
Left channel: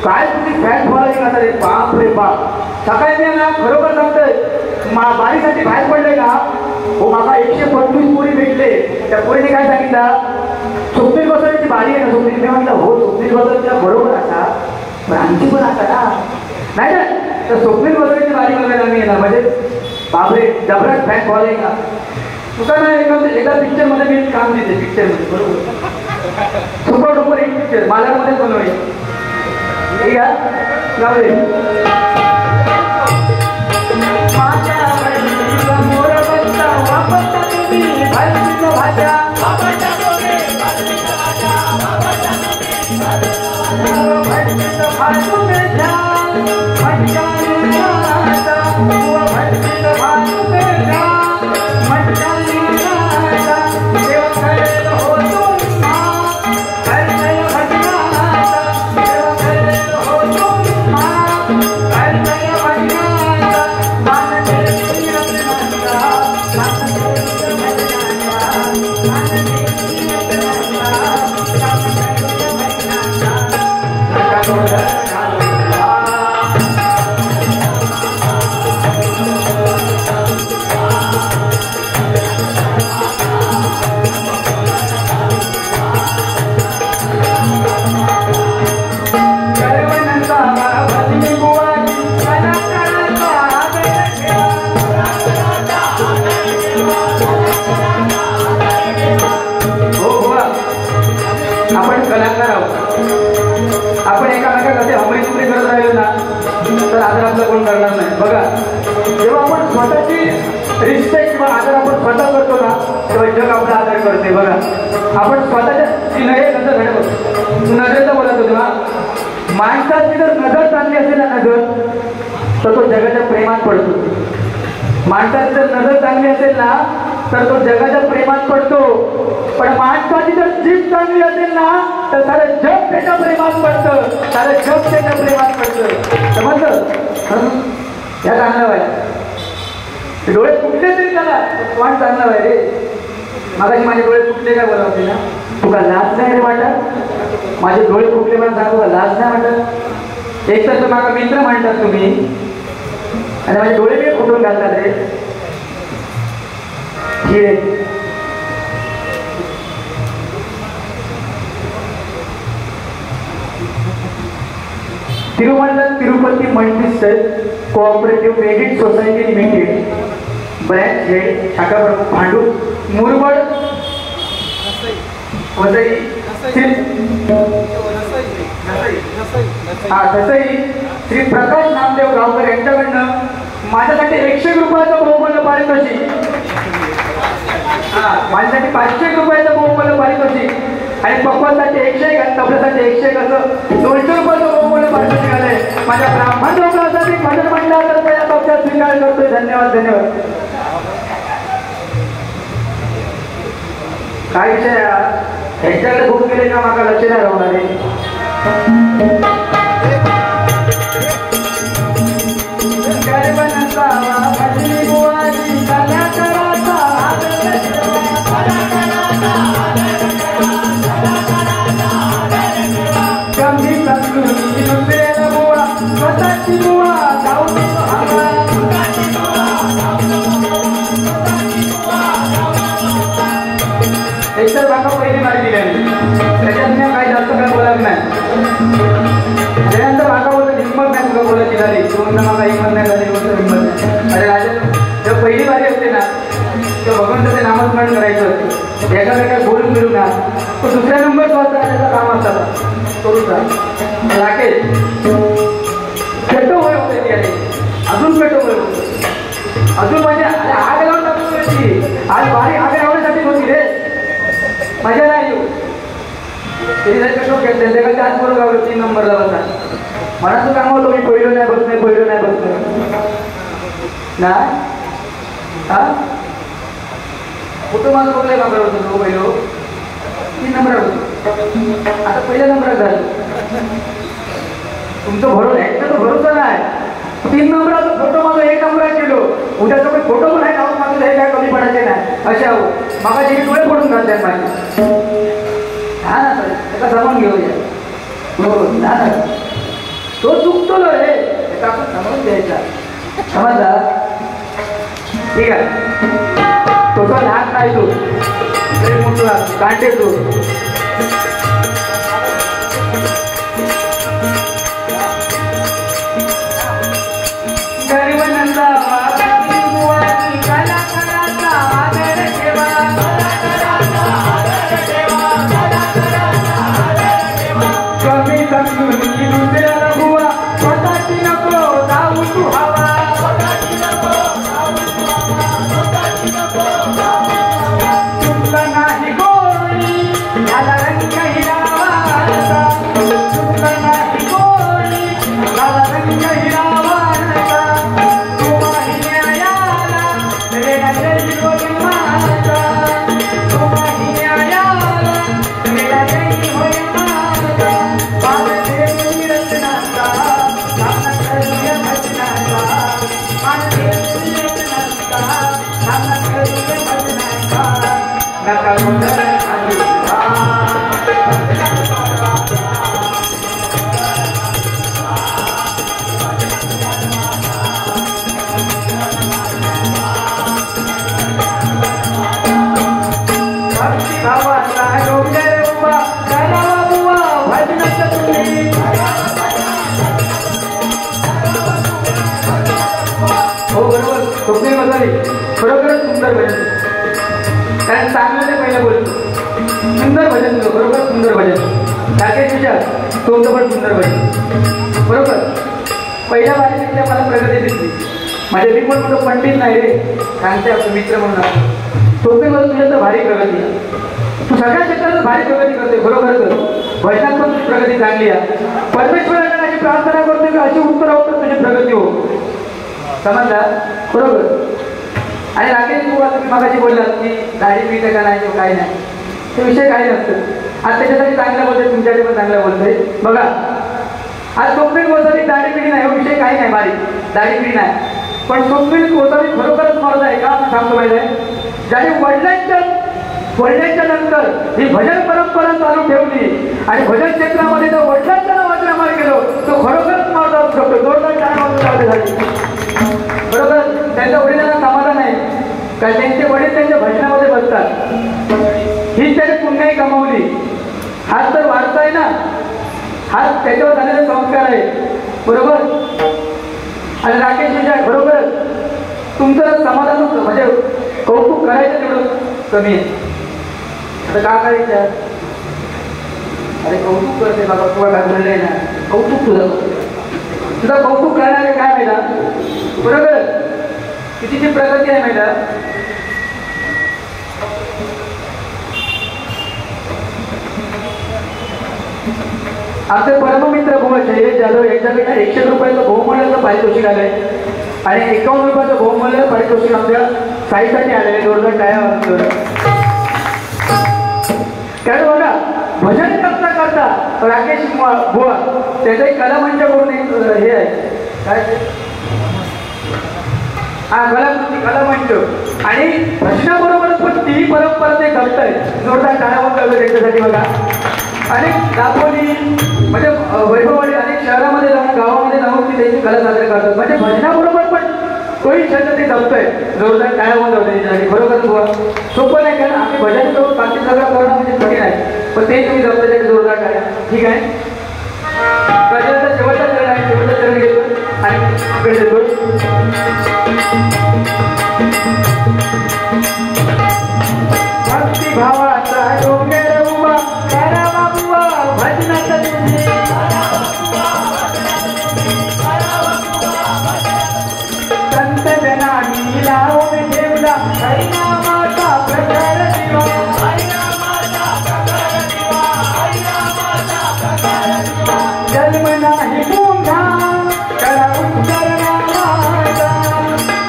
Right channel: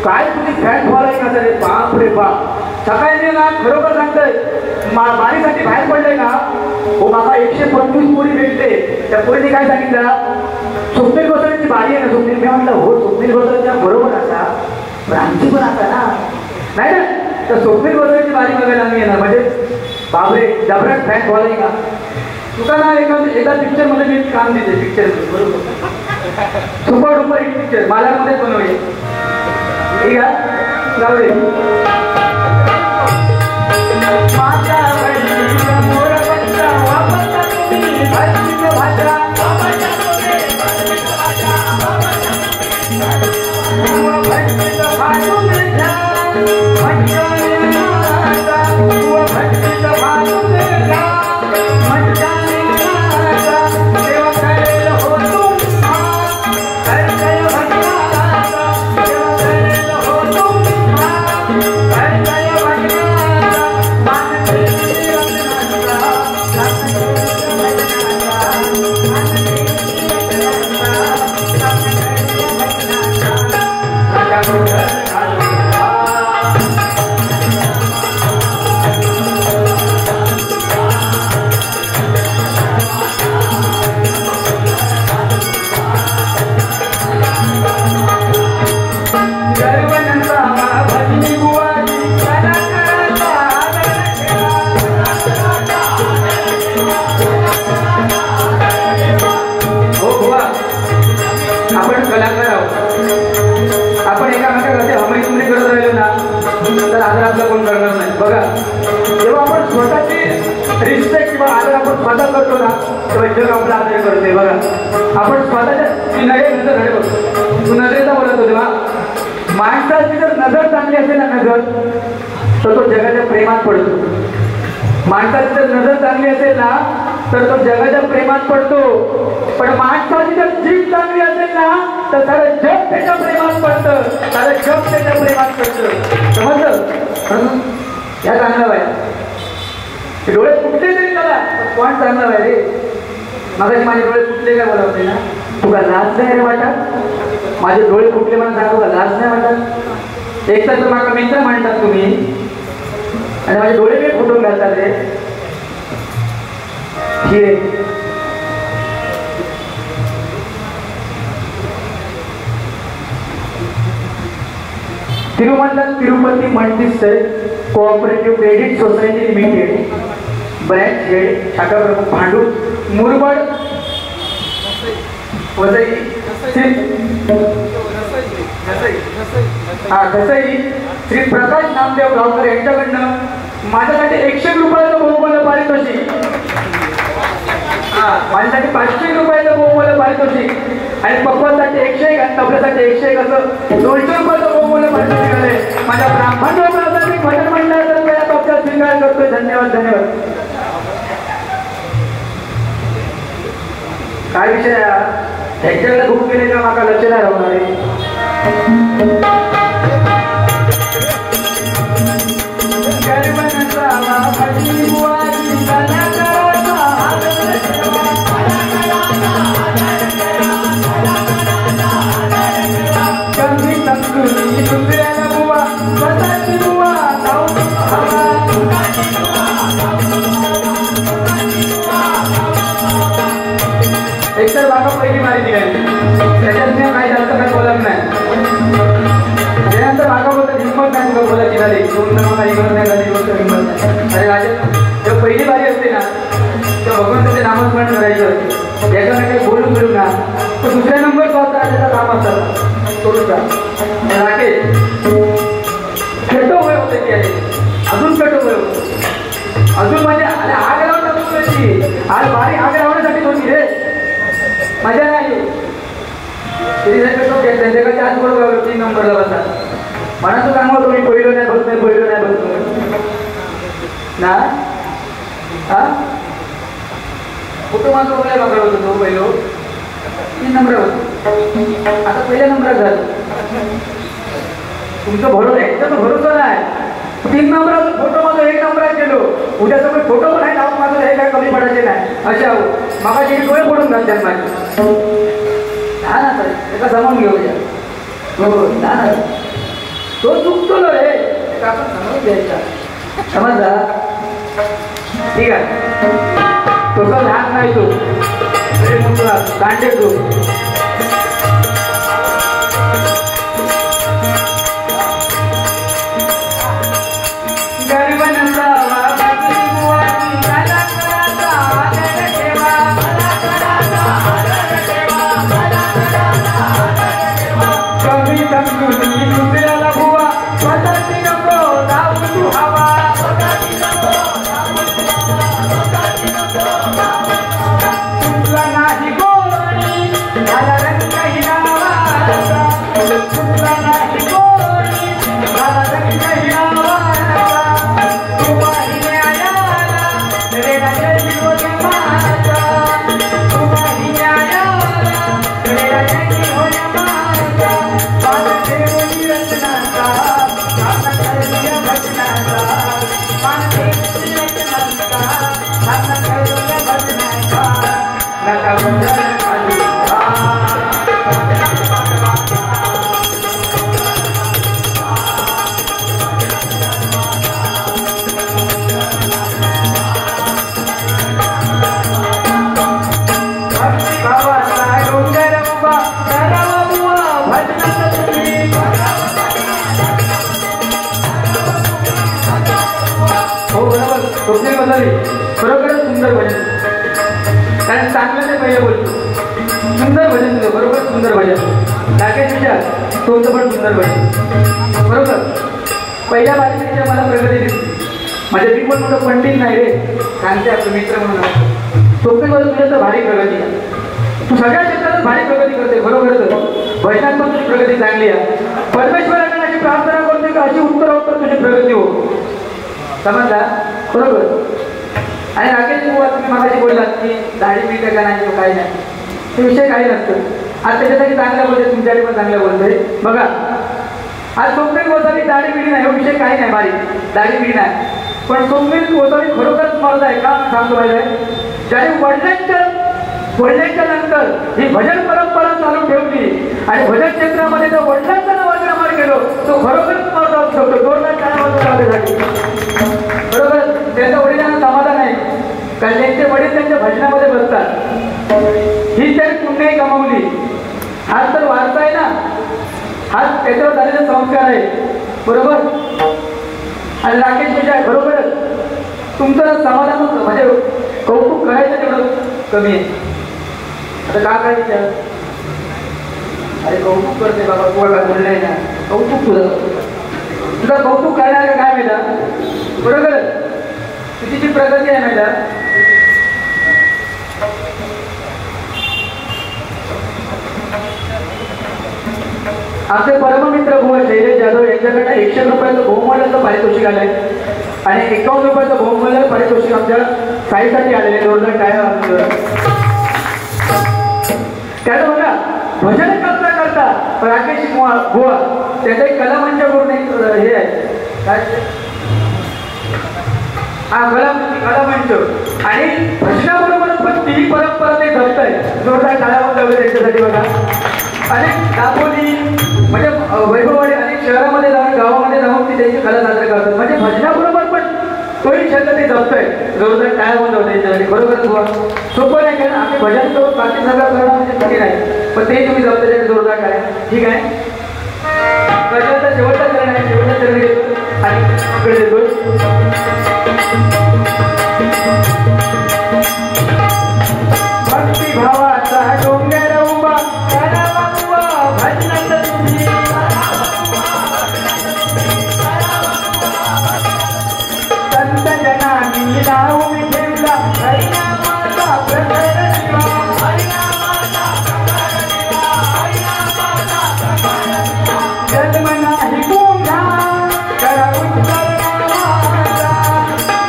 काय तुझी फॅन फॉलोइंग असं रे बाप रे बाप सकाळी मी ना खरोखर सांगतोय बारीसाठी बाहेर पडले ना हो बाबा 125 पोळी भेटले त्या पोळीने काय सांगितलं स्वप्नील बसवायची बारी आहे ना स्वप्नील मी म्हटलं हो स्वप्नील बसवायच्या बरोबर असा आमची पण असा ना नाही ना तर स्वप्नील बसवायची बारी करायला मी यांना म्हणजे बापरे डबऱ्यात फॅन फॉलोइंग का तुका ना एकदा पिक्चर मध्ये मी काम दिले पिक्चर मध्ये बरोबर सुपर डुपर एक पिक्चर मला मध्ये बनवायचे ठीक आहे रिस्पेक्ट किंवा आदर आपण स्वतः करतो ना तेव्हा जग आपला आदर करते बघा आपण स्वतःच्या नजर करतो तू नजरेचा बोलत होते ना माणसाची जर नजर चांगली असेल ना नजर तर तो जगाच्या प्रेमात पडतो माणसाची जर नजर चांगली असेल ना तर तो जगाच्या प्रेमात पडतो पण माणसाची जर जीभ चांगली असेल ना तर सारं जग त्याच्या प्रेमात पडतं सारं जग त्याच्या प्रेमात पडतं समजलं ह्या चांगलं आहे डोळे फुटले तरी त्याला कोण चांगलं आहे रे माझे डोळे फुटले काय बोलवते ना तुला लाज नाही वाटत माझे डोळे फुटले म्हणून सांगू का लाज नाही वाटत एक तर माझा मित्र म्हणतात तुम्ही आणि माझे डोळे बी फुटून घालतात रे हिरे Tirupati multistate cooperative credit society limited branch head शाखा प्रमुख भांडूप मुरबड वसई श्री प्रकाश नामदेव गावकर यांच्याकडनं माझ्यासाठी 100 रुपयाचं बहुमूल्य पारितोषिक माझ्यासाठी 500 रुपयाचं बहुमूल्य पारितोषिक आणि पप्पासाठी 101 आणि तबल्यासाठी 101 असं 200 रुपयाचं बहुमूल्य पारितोषिक आले माझ्या ब्राह्मण लोकांसाठी भजन मंडळाचा या पक्षात स्वीकार करतोय धन्यवाद धन्यवाद काय विषय ह्याच्याकडे बुक केले का मला लक्ष नाही राहणार आहे कमी संस्कृती दुसऱ्याला गोळा स्वतःची गोळा एकतर बाबा पहिली माहिती दिली त्याच्यात मी काही जास्त काय बोलत नाही त्यानंतर बाबा होतं हिंमत नाही तुला बोलायची झाली पूर्ण मला हिंमत नाही झाली हिंमत नाही अरे राजा जेव्हा पहिली बारी असते ना तेव्हा भगवंताचे नामस्मरण करायचं एकामेकाला बोलून फिरून ना तर दुसऱ्या नंबर जो असता राजाचा काम असतात राकेश खेटो वय होते ती अजून खेटो वय होतं अजून माझ्या आणि आग लावून टाकून आज बारी आग लावण्यासाठी होती रे मजा नाही त्यांच्याकडे हात बरोबर 3 नंबरला बसा मनाचं काम होतं मी पहिलं नाही बघत नाही पहिलं नाही बघत ना हा कुठं माझं कुठल्या नंबर होतं तो पहिलं 3 नंबर होतं आता पहिल्या नंबरात झालं तुमचं भरोसा एकदम भरोसा नाही 3 नंबराचा फोटो माझा 1 नंबर केलो उद्या तुम्ही फोटो पण आहे टाकून माझं हे काय कमी पडायचे नाही अशा मागा जे डोळे फोडून घालतात माझे हा ना सर त्याला जमावून घेऊ नको ना तो चुकतो ना रे आपण समजून घ्यायचा समजला ठीक आहे तो तर लहान नाही तू अरे मुलगा कांटे तू बरोबर सुंदर भजन कारण चांगलं पहिलं बोलतो सुंदर भजन तुझं बरोबर सुंदर भजन राकेश विचार तुमचं पण सुंदर भजन बरोबर पहिल्या बारीपेक्षा मला प्रगती दिसली माझ्या मी पण मोठं पंडित नाही रे सांगते आपलं मित्र म्हणून सोपीमध्ये तुझ्या तर भारी प्रगती तू सगळ्या क्षेत्रात भारी प्रगती करते बरोबर भजनात पण तुझी प्रगती चांगली आहे परमेश्वरांना अशी प्रार्थना करते की अशी उत्तर तुझी प्रगती हो समजला बरोबर आणि राकेश तुम्ही मागाशी बोललात की दाढी मिळते का नाही काही नाही ते विषय काही नसतं आज त्याच्यासाठी चांगल्या बोलते तुमच्याकडे पण चांगल्या बोलते बघा आज सोपील गोसावी दाढी पिढी नाही विषय काही नाही बारीक दाढी पिढी नाही पण सोपील गोसावी खरोखरच मर्द आहे का सांगतो पाहिजे ज्याने वडिलांच्या नंतर ही भजन परंपरा चालू ठेवली आणि भजन क्षेत्रामध्ये जो वडिलांचा नावाचा निर्माण केलो तो खरोखरच मर्द होऊ शकतो जोरदार झाली बरोबर त्यांच्या वडिलांना समाधान आहे कारण त्यांचे वडील त्यांच्या भजनामध्ये बसतात ही त्यांनी पुण्याही गमावली हाच तर वारसा आहे ना हाच त्याच्यावर झालेला संस्कार आहे बरोबर आणि राकेश विजय बरोबर तुमचं समाधान म्हणजे कौतुक करायचं तेवढं कमी आहे आता का करायचं अरे कौतुक करते बाबा कोणा बोलले ना कौतुक तुझं कौतुक करणारे काय माहिती बरोबर तुझी जी प्रगती आहे माहिती आमचे परममित्र भोव शैलेश जाधव यांच्याकडे 100 रुपयाचं बहुमूल्याचं पारितोषिक आलंय आणि 51 रुपयाचं बहुमूल्य पारितोषिक आमच्या साईसाठी आलेले जोरदार टाळ्या कारण बघा भजन करता करता राकेश बुवा त्याचा एक कलामंच करून एक हे आहे काय हा कलामंच आणि भजनाबरोबर पण ती परंपरा ते जपत आहे बुवा सोपं नाही, कारण आम्ही भजन करून बाकी सगळं करणं म्हणजे कठीण आहे, पण ते तुम्ही जबाबदारी जोरदार करा. ठीक आहे. गजाचा शेवटचा चरण आहे, शेवटचा चरण घेतो आणि पुढे देतो. भक्ती भावाचा डोंगर उभा करावा उभा भजनाचा तुम्ही संत जनानी नाव ठेवला हरिनामाचा प्रचार दिवा हरिनामाचा प्रचार दिवा हरिनामाचा प्रचार दिवा जन्म नाही पुन्हा करा उत्तर नामाचा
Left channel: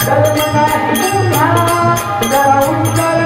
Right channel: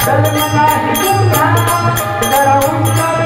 जन्म नाही पुन्हा करा उत्तर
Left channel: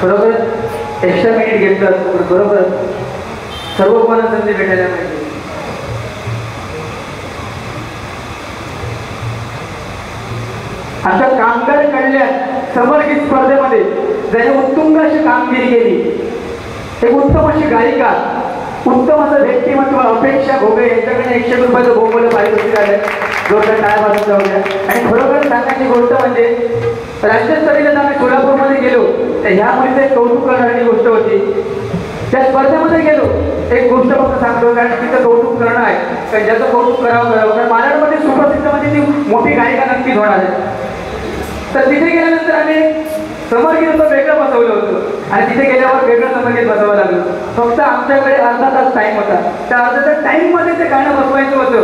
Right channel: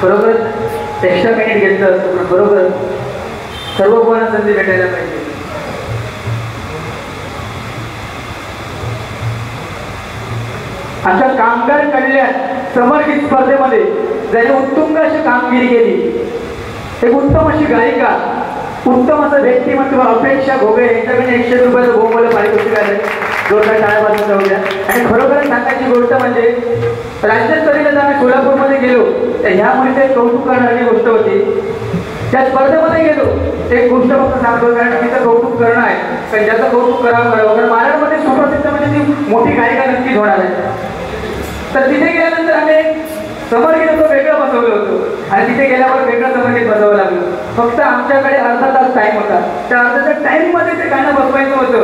बरोबर एक्स्ट्रा मिनिट घेतलं असतं, बरोबर सर्व कोणा संधी भेटायला पाहिजे. आमच्या कामगार कल्याण समर्पित स्पर्धेमध्ये ज्याने उत्तुंग अशी कामगिरी केली, एक उत्तम अशी गायिका, उत्तम असं व्यक्तिमत्व अपेक्षा घोगे यांच्याकडे 100 रुपयाचं गोमूल्य पारितोषिक आलं. जोरदार टाळ्या वाजवून लावल्या. आणि खरोखर सांगायची गोष्ट म्हणजे राज्यस्तरीय आम्ही सोलापूरमध्ये गेलो तर ह्या मुलीचे कौतुक करणारी गोष्ट होती. त्या स्पर्धेमध्ये गेलो एक गोष्ट फक्त सांगतो, कारण तिचं कौतुक करणं आहे, कारण ज्याचं कौतुक करावं कारण महाराष्ट्रामध्ये सुप्रसिद्ध म्हणजे ती मोठी गायिका नक्कीच होणार आहे. तर तिथे गेल्यानंतर आम्ही समरगीत होतं वेगळं बसवलं होतं आणि तिथे गेल्यावर वेगळं समरगीत बसवावं लागलं. फक्त आमच्याकडे अर्धा तास टाईम होता. त्या अर्ध्या टाईममध्ये ते गाणं बसवायचं होतं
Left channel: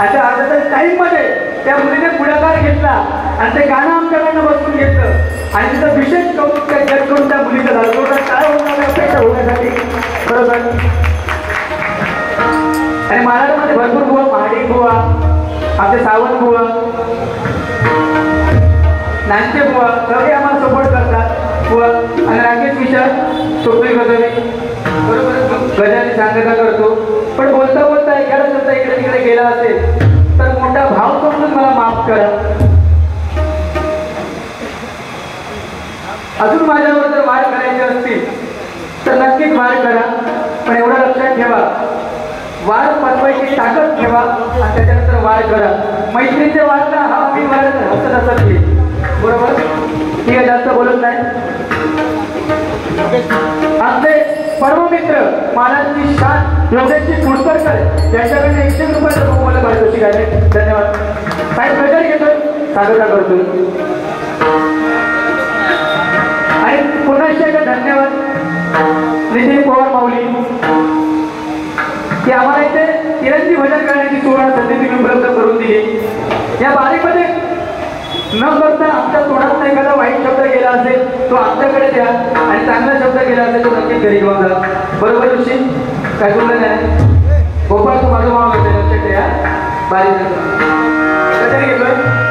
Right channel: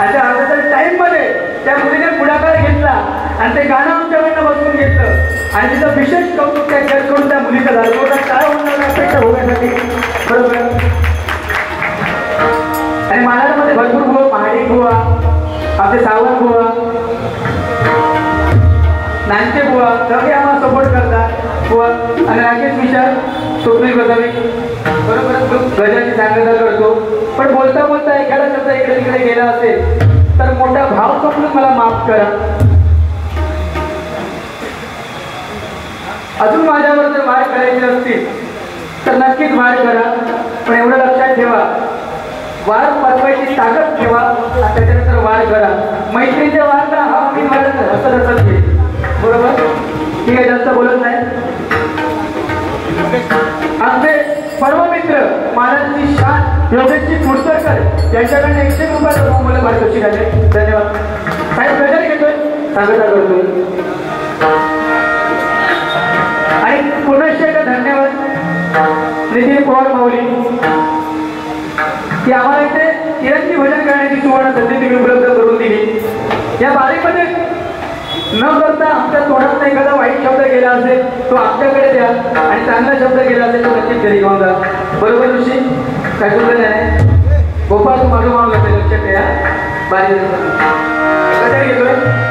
आणि त्या अर्ध्या टाईममध्ये त्या मुलीने पुढाकार घेतला आणि ते गाणं आमच्याकडनं बसवून घेतलं आणि तिचं विशेष कौतुक त्या करून त्या मुलीचं झालं. काय होणार अपेक्षा होण्यासाठी बरोबर. आणि महाराष्ट्रामध्ये भरपूर बुवा, महाडी बुवा, आपले सावंत बुवा, नांचे बुवा सगळे आम्हाला सपोर्ट करतात व आणि राकेश विचार स्वप्नील गोसावी बरोबर गजाची सांगता करतो. पण बोलता बोलता एखादा शब्द इकडे तिकडे गेला असेल तर मोठा भाव समजून मला माफ करा. अजून माझ्यावर जर वाढ करायची असतील तर नक्कीच वाढ करा, पण एवढं लक्षात ठेवा वाद वाचवायची ताकद ठेवा आणि त्याच्यानंतर वाढ करा. मैत्रीच्या वादला हा मी हसत हसत घेईल बरोबर. ठीक आहे, जास्त बोलत नाही. आमचे सर्व मित्र महाराजांची शान योगेशची पुरस्कार यांच्याकडे 100 रुपयाचं मला पारितोषिक आहे. धन्यवाद. काही प्रेशर घेतोय सांगता करतोय आणि पुन्हा एकदा धन्यवाद नितीन पवार माऊली की आम्हाला इथे तिरंगी भजन करण्याची सुवर्ण संधी तुम्ही उपलब्ध करून दिली. या बारीमध्ये न करता आमच्या तोंडात एखादा वाईट शब्द गेला असेल तो आमच्याकडे द्या आणि चांगला शब्द गेला असेल तो नक्कीच घरी घेऊन जा. बरोबर ऋषी काय बोललं नाही. गोपाळ तू माझं माग असेल लक्षात ठेवा. बारी कधी घेतोय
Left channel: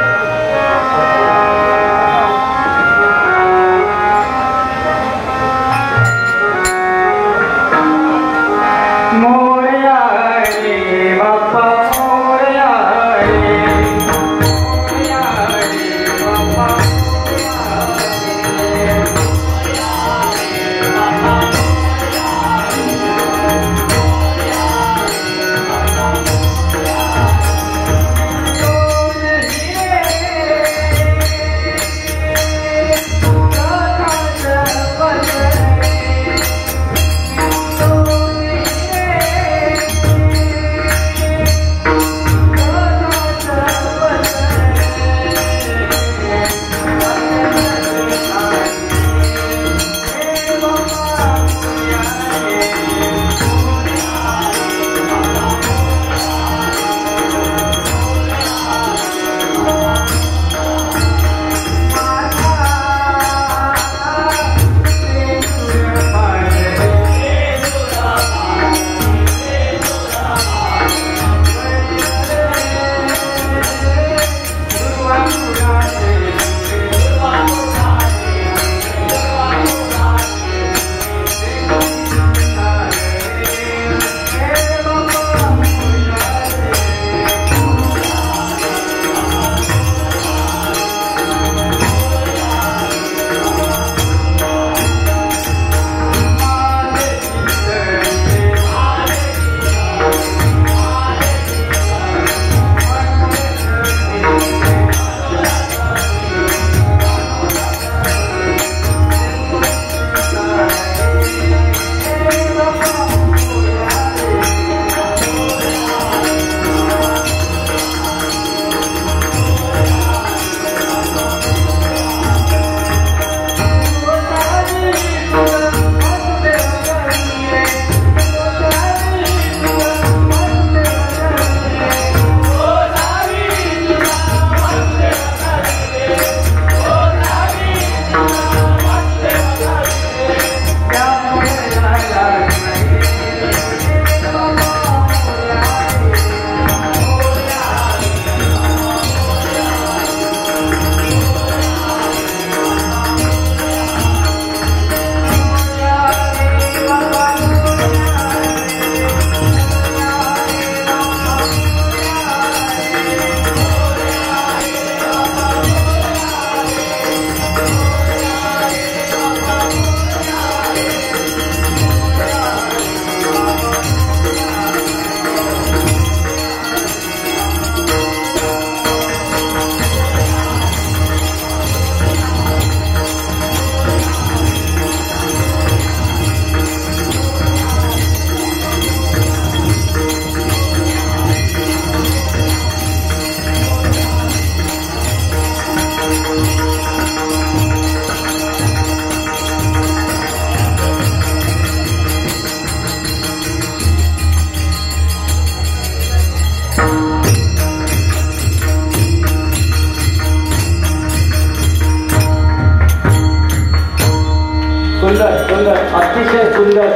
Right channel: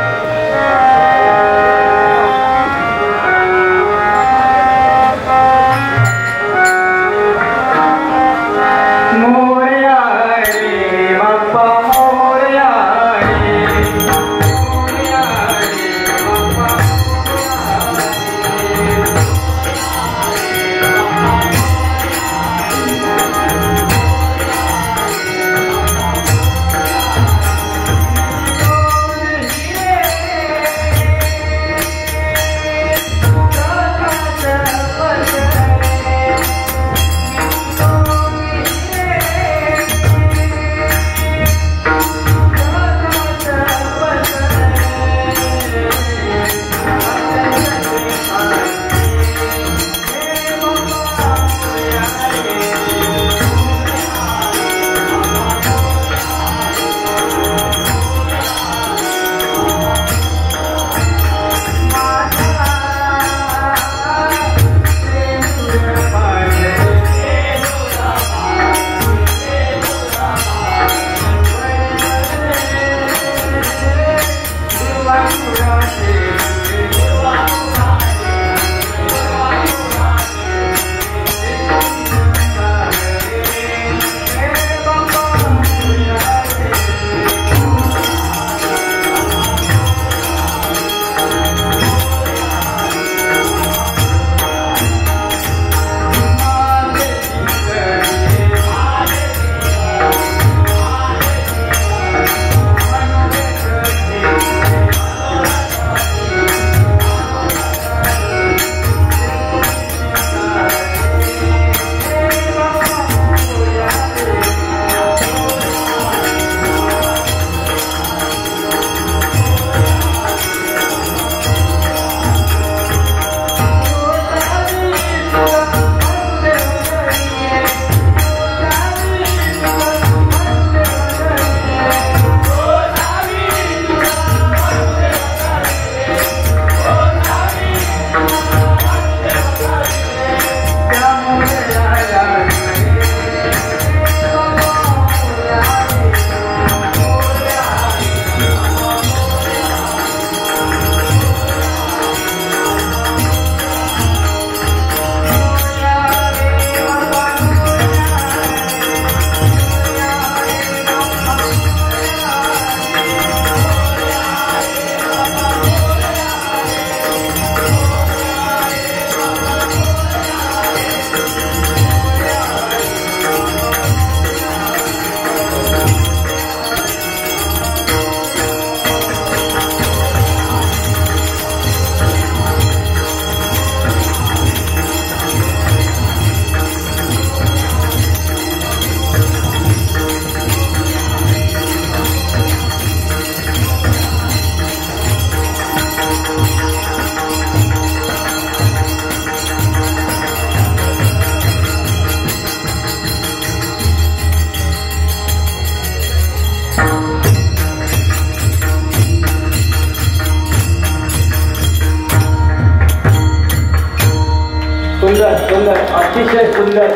अतिशय सुंदर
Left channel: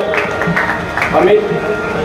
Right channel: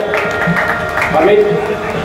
अमित